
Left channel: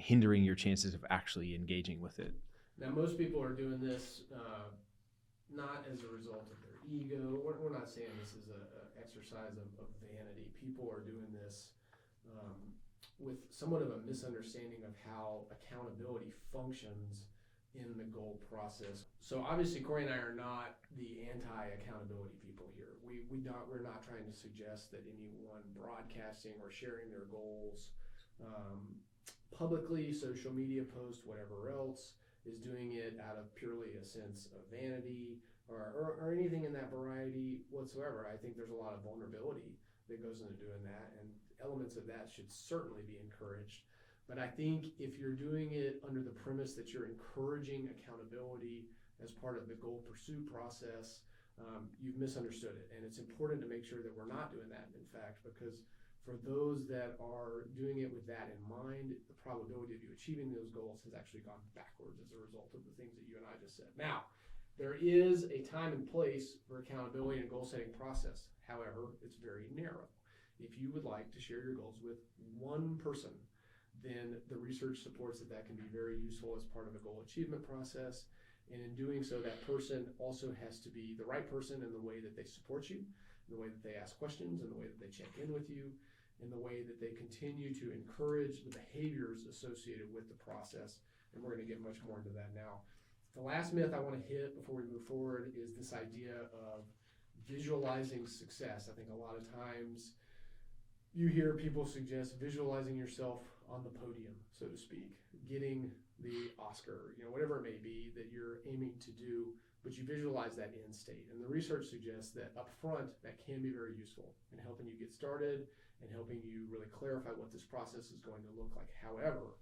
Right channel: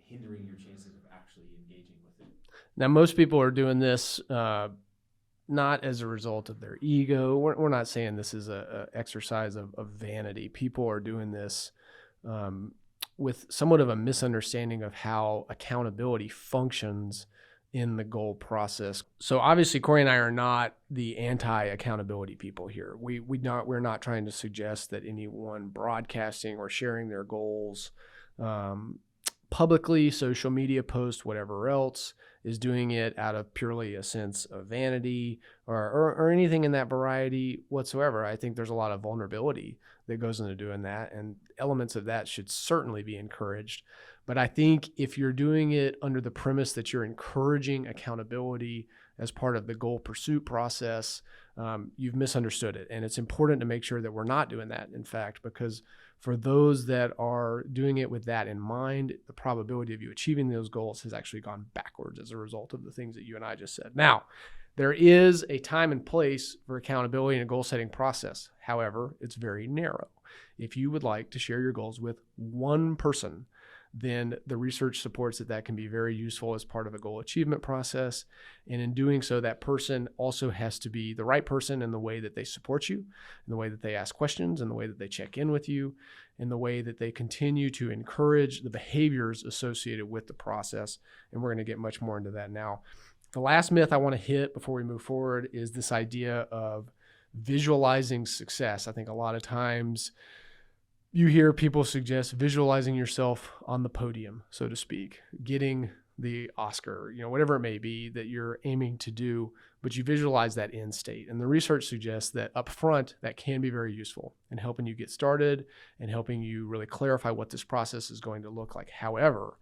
hindering your chances of actually engaging with it. Now, most people are doing this not as a result of their ego. We're not saying this is a exercise of vanity. People are doing this with somewhat of a misunderstanding of how accountability functions in the goal process. So obviously, Cory and I are not the anti-accountability people here. We're not trying to suggest that anyone broadcasting or sharing their goals publicly, social media posts, whatever else, is doing it out of purely a sense of vanity or anything in that variety whatsoever. I think there's a lot of vulnerability that goes into doing that, and elements of that should certainly be encouraged. But I think if you're doing it under the premise that you're encouraging accountability as part of the goal pursuit process, you've misunderstood it. And it's important to make sure that we're not doing that, in fact, because for those that are doing it with that in mind, the probability of you achieving those goals has actually gone backwards as a result of the things that you and I just said. Now, there is a time and place for accountability in a goal setting process. However, it's very narrow. If you would like to share your goals with one person, then the research supports that can be very useful as part of a goal achievement process. And in doing so, that person also has to be the right person in the way that they support you, in the way that they ask questions, in the way that they check in with you, in the way that they continue to encourage the behaviors associated with the process. And we're going to get much more into that now. The last myth I want to hit before we move forward is this idea of visualizing success. I think a lot of times you hear people suggest visualizing yourself on the podium, so to speak, getting the Oscar, you know, whatever it may be that you're aiming to do, but you visualize that end state. And the research suggests that up front, that can be very useful in helping you get started and helping you really clarify what this process is going to look like. However,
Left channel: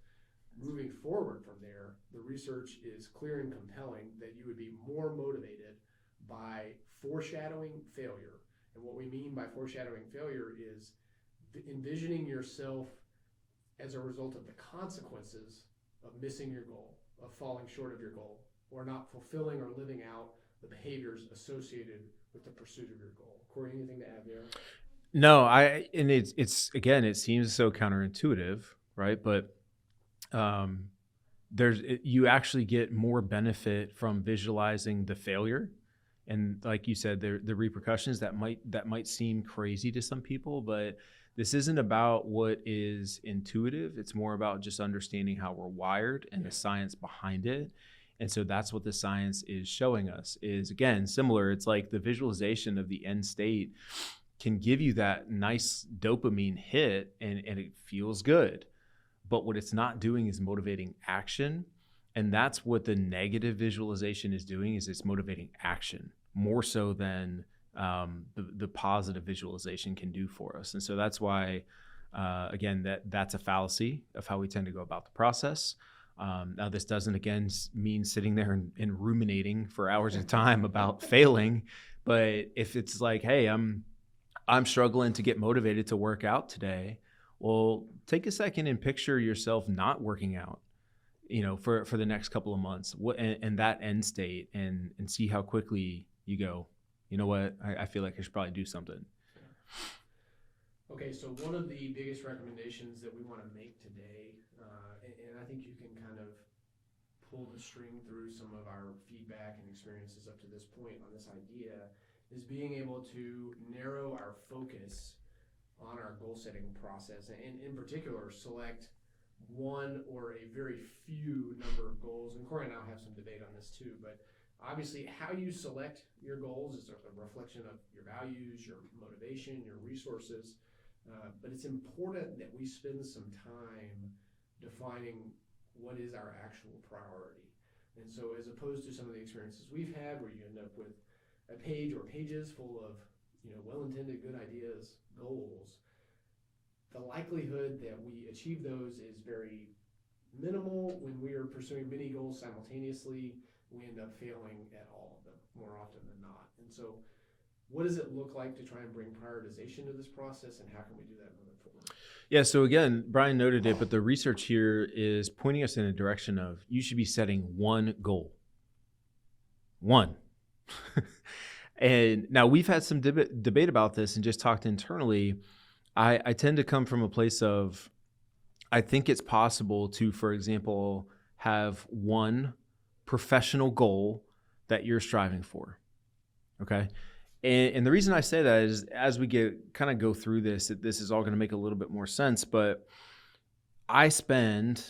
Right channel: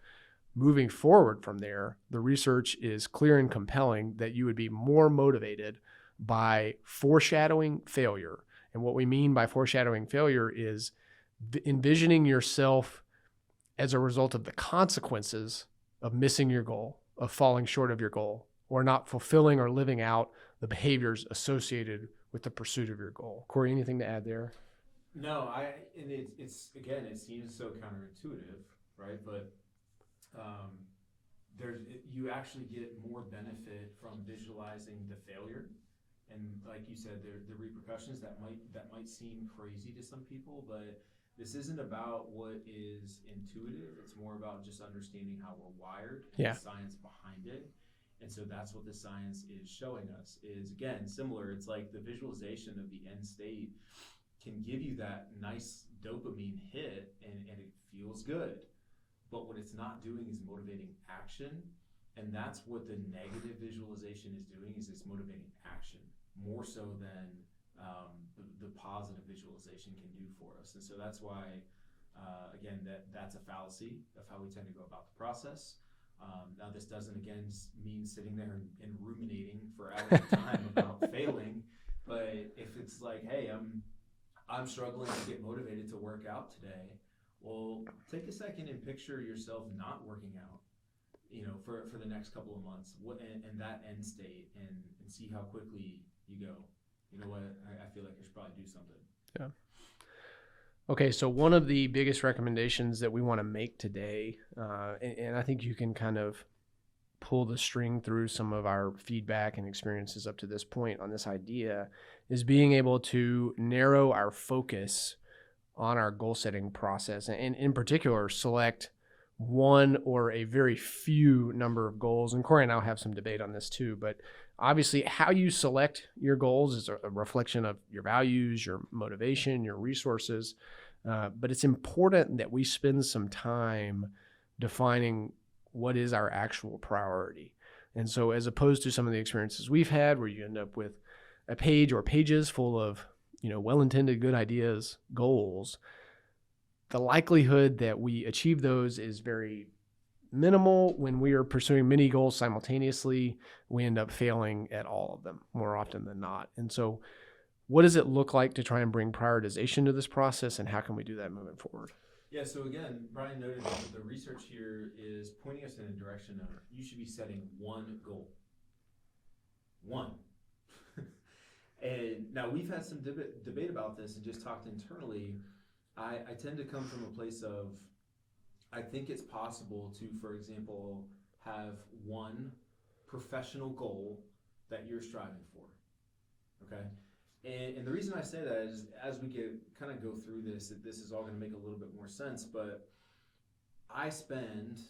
moving forward from there, the research is clear and compelling that you would be more motivated by foreshadowing failure. And what we mean by foreshadowing failure is envisioning yourself as a result of the consequences of missing your goal, of falling short of your goal, or not fulfilling or living out the behaviors associated with the pursuit of your goal. Cory, anything to add there? No, it's again, it seems so counterintuitive, right? But you actually get more benefit from visualizing the failure. And like you said, the repercussions that might seem crazy to some people, but this isn't about what is intuitive. It's more about just understanding how we're wired and the science behind it. And so that's what the science is showing us is, again, similar. It's like the visualization of the end state can give you that nice dopamine hit and it feels good. But what it's not doing is motivating action. And that's what the negative visualization is doing, is it's motivating action more so than the positive visualization can do for us. And so that's why, again, that's a fallacy of how we tend to go about the process. Now, this doesn't, again, mean sitting there and ruminating for hours at a time about failing. But if it's like, hey, I'm struggling to get motivated to work out today, well, take a second and picture yourself not working out, for the next couple of months, and that end state, and see how quickly you go, you know what, I feel like I should probably do something. Yeah. Okay, so one of the biggest recommendations that we want to make today, and I think you can kind of pull the string through some of our feedback and experiences up to this point on this idea, is being able to narrow our focus on our goal setting process, and in particular select one or a very few number of goals. And Cory and I'll have some debate on this too, but obviously how you select your goals is a reflection of your values, your motivation, your resources. But it's important that we spend some time defining what is our actual priority. And so as opposed to some of the experiences we've had where you end up with a page or pages full of, well-intended good ideas, goals, the likelihood that we achieve those is very minimal. When we are pursuing many goals simultaneously, we end up failing at all of them more often than not. And so what does it look like to try and bring prioritization to this process, and how can we do that moving forward? Yeah, so again, Brian noted it, but the research here is pointing us in a direction of you should be setting one goal. One. And now we've had some debate about this and just talked internally. I tend to come from a place of, I think it's possible to, for example, have one professional goal that you're striving for. Okay. And the reason I say that is, as we go through this is all going to make a little bit more sense. But I spend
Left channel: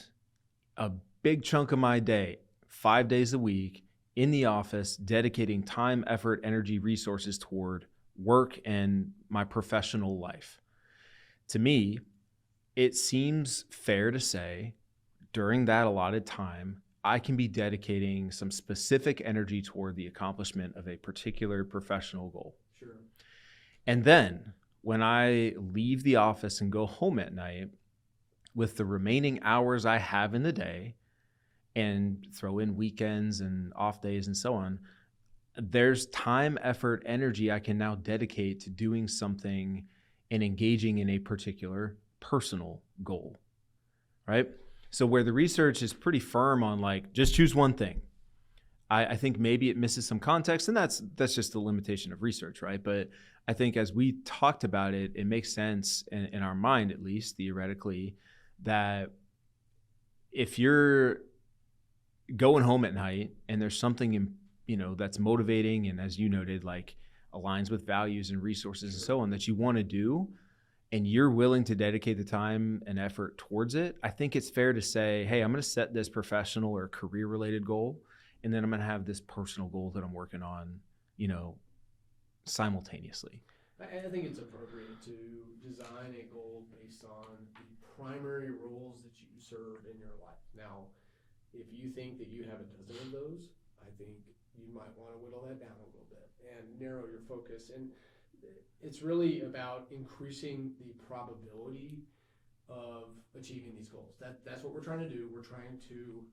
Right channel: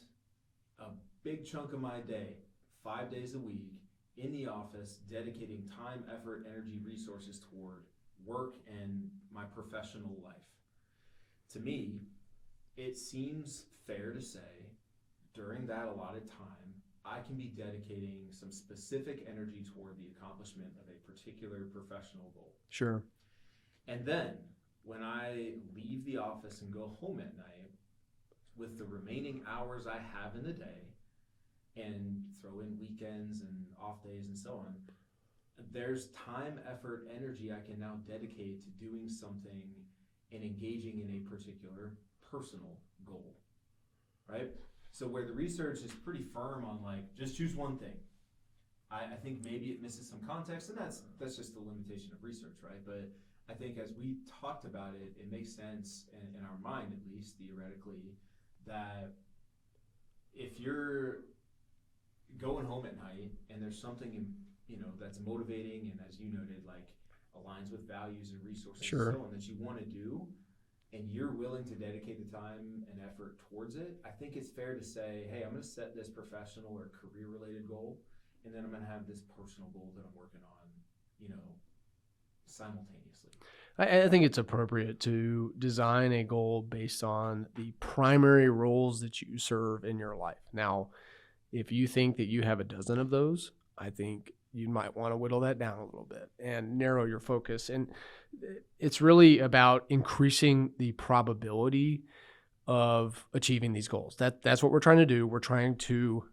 a big chunk of my day, 5 days a week, in the office, dedicating time, effort, energy, resources toward work and my professional life. To me, it seems fair to say during that allotted time, I can be dedicating some specific energy toward the accomplishment of a particular professional goal. Sure. And then when I leave the office and go home at night, with the remaining hours I have in the day, and throw in weekends and off days and so on, there's time, effort, energy I can now dedicate to doing something and engaging in a particular personal goal, right? So where the research is pretty firm on like, just choose one thing, I think maybe it misses some context, and that's just the limitation of research, right? But I think as we talked about it, it makes sense in our mind, at least theoretically, that if you're going home at night and there's something that's motivating and, as you noted, like aligns with values and resources and so on that you want to do, and you're willing to dedicate the time and effort towards it, I think it's fair to say, hey, I'm going to set this professional or career related goal, and then I'm going to have this personal goal that I'm working on, simultaneously. I think it's appropriate to design a goal based on the primary roles that you serve in your life. Now, if you think that you have a dozen of those, I think you might want to whittle that down a little bit and narrow your focus. And it's really about increasing the probability of achieving these goals. That's what we're trying to do. We're trying to,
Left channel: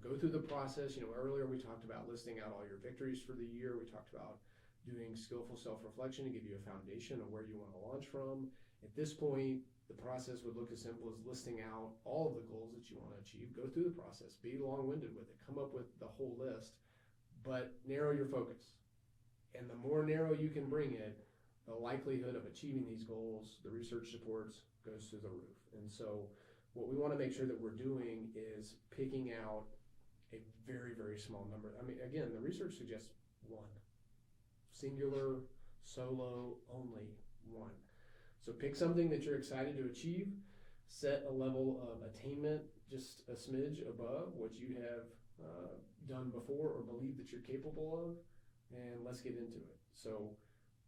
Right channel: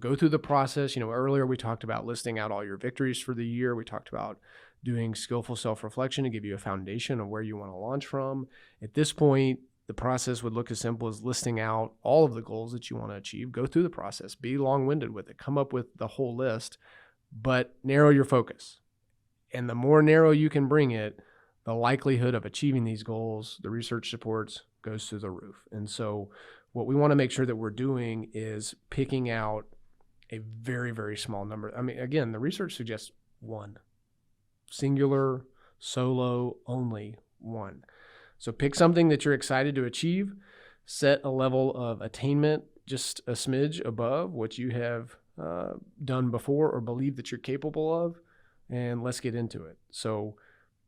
go through the process. Earlier we talked about listing out all your victories for the year. We talked about doing skillful self-reflection to give you a foundation of where you want to launch from. At this point, the process would look as simple as listing out all of the goals that you want to achieve. Go through the process, be long-winded with it, come up with the whole list, but narrow your focus. And the more narrow you can bring it, the likelihood of achieving these goals, the research supports, goes through the roof. And so what we want to make sure that we're doing is picking out a very, very small number. I mean, again, the research suggests one. Singular, solo, only one. So pick something that you're excited to achieve, set a level of attainment just a smidge above what you have done before or believe that you're capable of, and let's get into it. So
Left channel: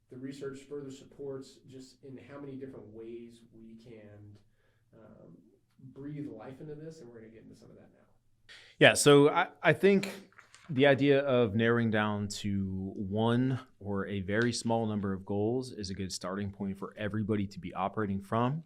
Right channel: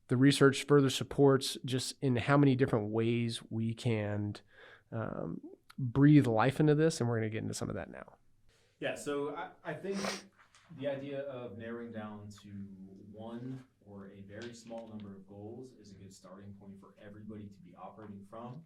the research further supports just in how many different ways we can breathe life into this. And we're going to get into some of that now. Yeah. So I think the idea of narrowing down to one or a very small number of goals is a good starting point for everybody to be operating from.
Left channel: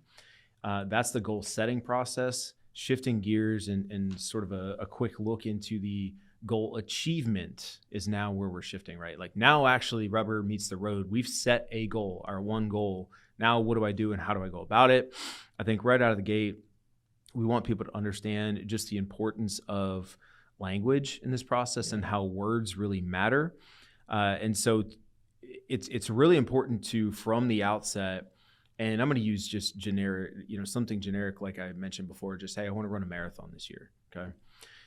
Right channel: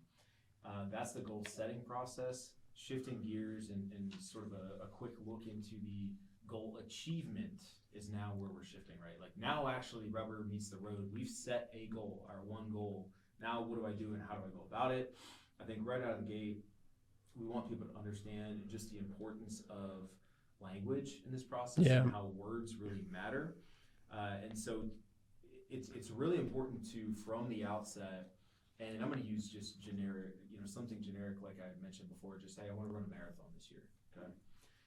That's the goal setting process. Shifting gears and sort of a quick look into the goal achievement is now where we're shifting, right? Like now actually rubber meets the road. We've set a goal, our one goal. Now what do I do and how do I go about it? I think right out of the gate, we want people to understand just the importance of language in this process and how words really matter. And so it's really important to, from the outset, and I'm going to use just generic, something generic like I mentioned before, just, hey, I want to run a marathon this year. Okay,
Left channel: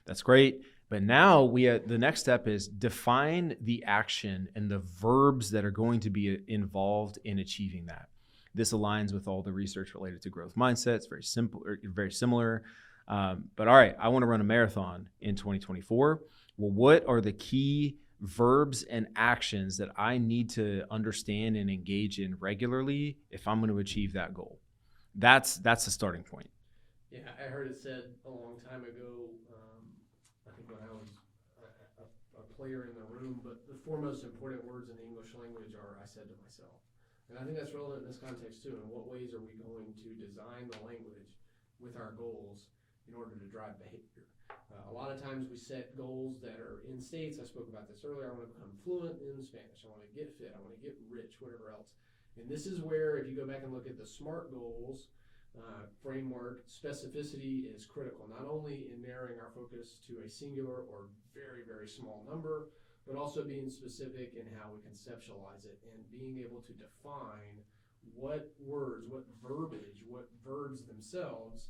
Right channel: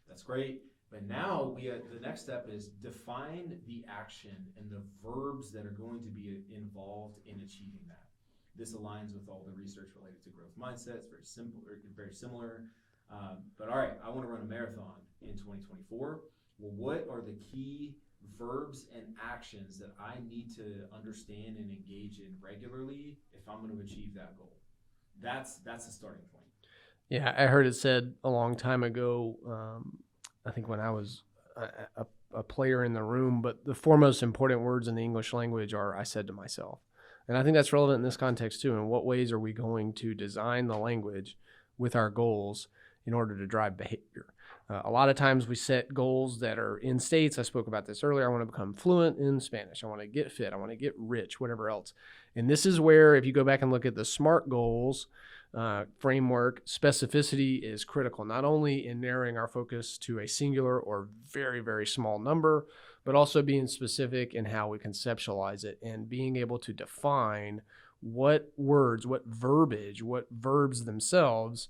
that's great. But now the next step is define the action and the verbs that are going to be involved in achieving that. This aligns with all the research related to growth mindset. It's very simple, or very similar. But all right, I want to run a marathon in 2024. Well, what are the key verbs and actions that I need to understand and engage in regularly if I'm going to achieve that goal? That's the starting point. Yeah, I heard it said a long time ago, I think when I was a player in the room, but the four most important words in the English language are "I said to myself." And I think that's relevant in this context too. In what ways are we going to design the language with our goals in order to drive behavior? A lot of times we set goals that are in states. I spoke about this earlier. I want to become fluent in Spanish. I want to get fit. I want to get rich, whatever else. And this is where, if you go back and look at the SMART goals framework, specificity is critical, not only in narrowing our focus to a singular or very, very small number, but also being specific in how we conceptualize it and being able to define what words, what verbiage, what verbs themselves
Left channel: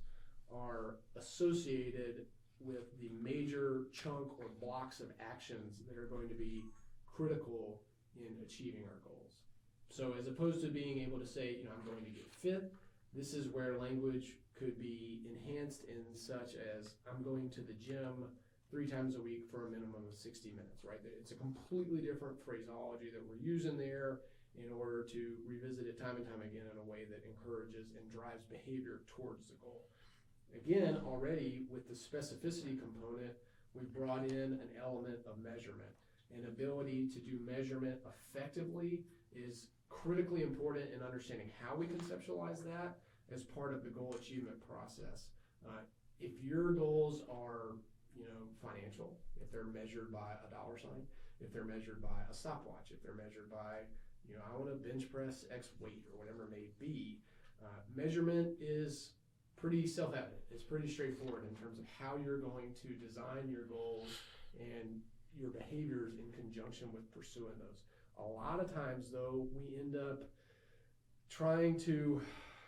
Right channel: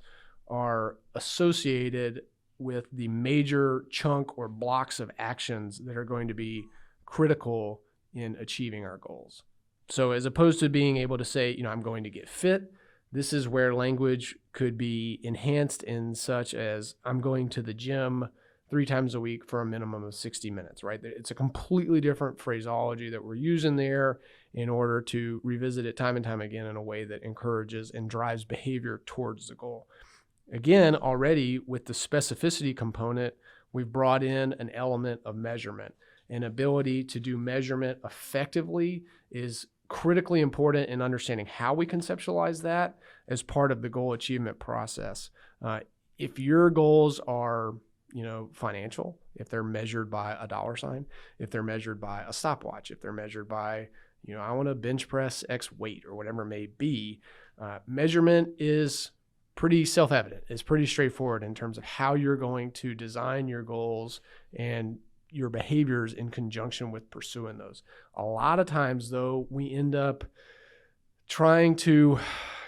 are associated with the major chunk or blocks of actions that are going to be critical in achieving our goals. So as opposed to being able to say, I'm going to get fit, this is where language could be enhanced in such as I'm going to the gym 3 times a week for a minimum of 60 minutes, right? It's a completely different phraseology that we're using there in order to revisit it time and time again in a way that encourages and drives behavior towards the goal. Again, already with the specificity component, we've brought in an element of measurement. An ability to do measurement effectively is critically important in understanding how we conceptualize that as part of the goal achievement process. If your goals are, financial, if they're measured by a dollar sign, if they're measured by a stopwatch, if they're measured by, I want to bench press X weight or whatever it may be, measurement is pretty self-evident. It's pretty straightforward in terms of how you're going to design your goals and your behaviors in conjunction with pursuing those. A lot of times, though, we end up trying to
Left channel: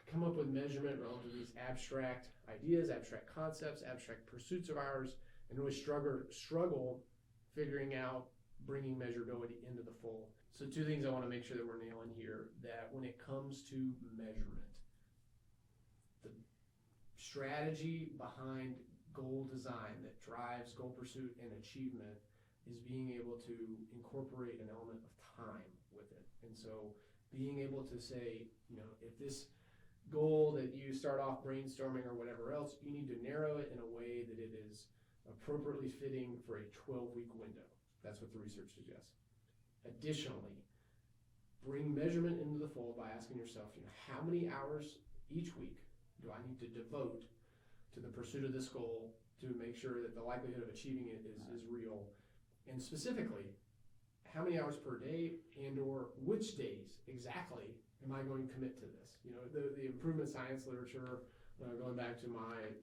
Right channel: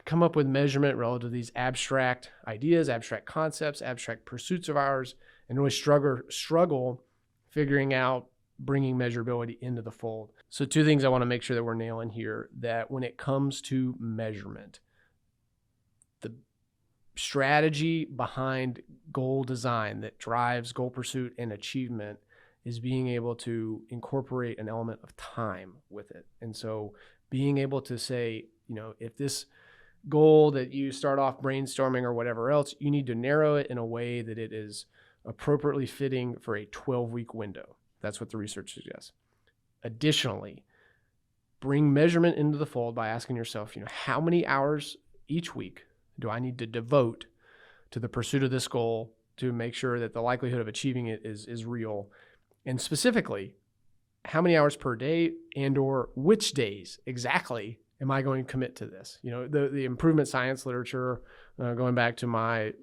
come up with measurement relative to these abstract ideas, abstract concepts, abstract pursuits of ours, and really struggle figuring out bringing measurability into the fold. So 2 things I want to make sure that we're nailing here, that when it comes to measurement, the strategy behind goal design that drives goal pursuit and achievement is being able to incorporate an element of time with it. And so being able to say, if this goal that you start off brainstorming or whatever else, you need to narrow it in a way that it is appropriately fitting for a 12-week window. That's what the research suggests. Additionally, bring measurement into the fold by asking yourself, how many hours each week do I need to devote to the pursuit of this goal to make sure that the likelihood of achieving it is real? And specifically, how many hours per day and or which days exactly am I going to commit to this? The improvement science literature, going back to my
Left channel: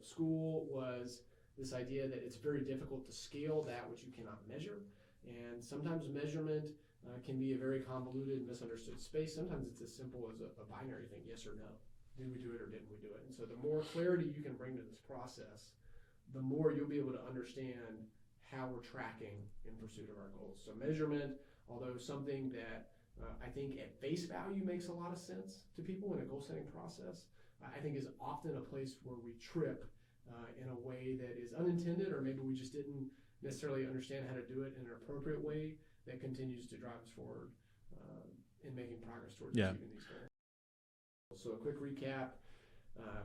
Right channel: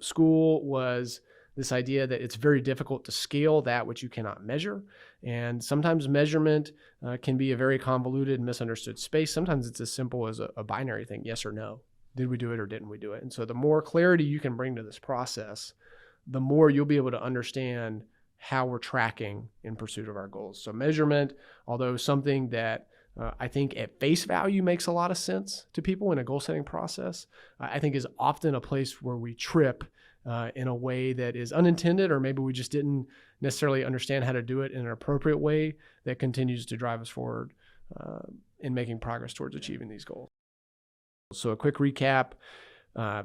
school, was this idea that it's very difficult to scale that which you cannot measure. And sometimes measurement can be a very convoluted, misunderstood space. Sometimes it's as simple as a binary thing, yes or no. Did we do it or didn't we do it? And so the more clarity you can bring to this process, the more you'll be able to understand how we're tracking in pursuit of our goals. So measurement, although something that I think at face value makes a lot of sense to people in a goal setting process, I think is often a place where we trip in a way that is unintended, or maybe we just didn't necessarily understand how to do it in an appropriate way that continues to drive us forward in making progress towards Yeah. achieving these goals. So a quick recap.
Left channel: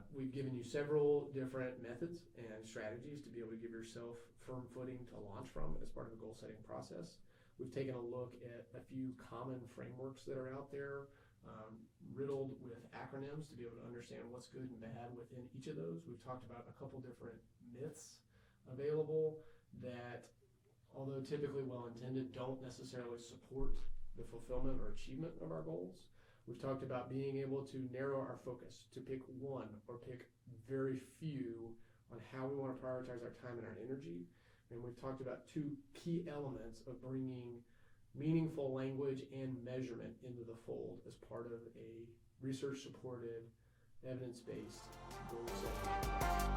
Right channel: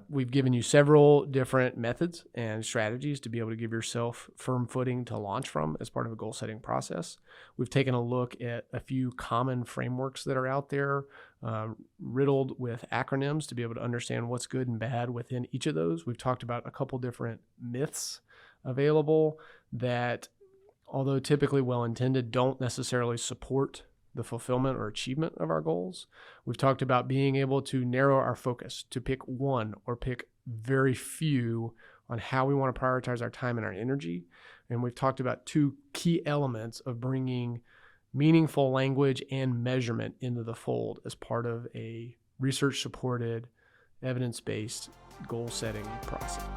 We've given you several different methods and strategies to be able to give yourself firm footing to launch from as part of a goal setting process. We've taken a look at a few common frameworks that are out there, riddled with acronyms to be able to understand what's good and bad within each of those. We've talked about a couple different myths available that, although typically well-intended, don't necessarily support the fulfillment or achievement of our goals. We've talked about being able to narrow our focus, to pick one or pick very few on how we want to prioritize our time and our energy. And we've talked about two key elements of bringing meaningful language and measurement into the fold as part of a research-supported, evidence-based goal-setting process.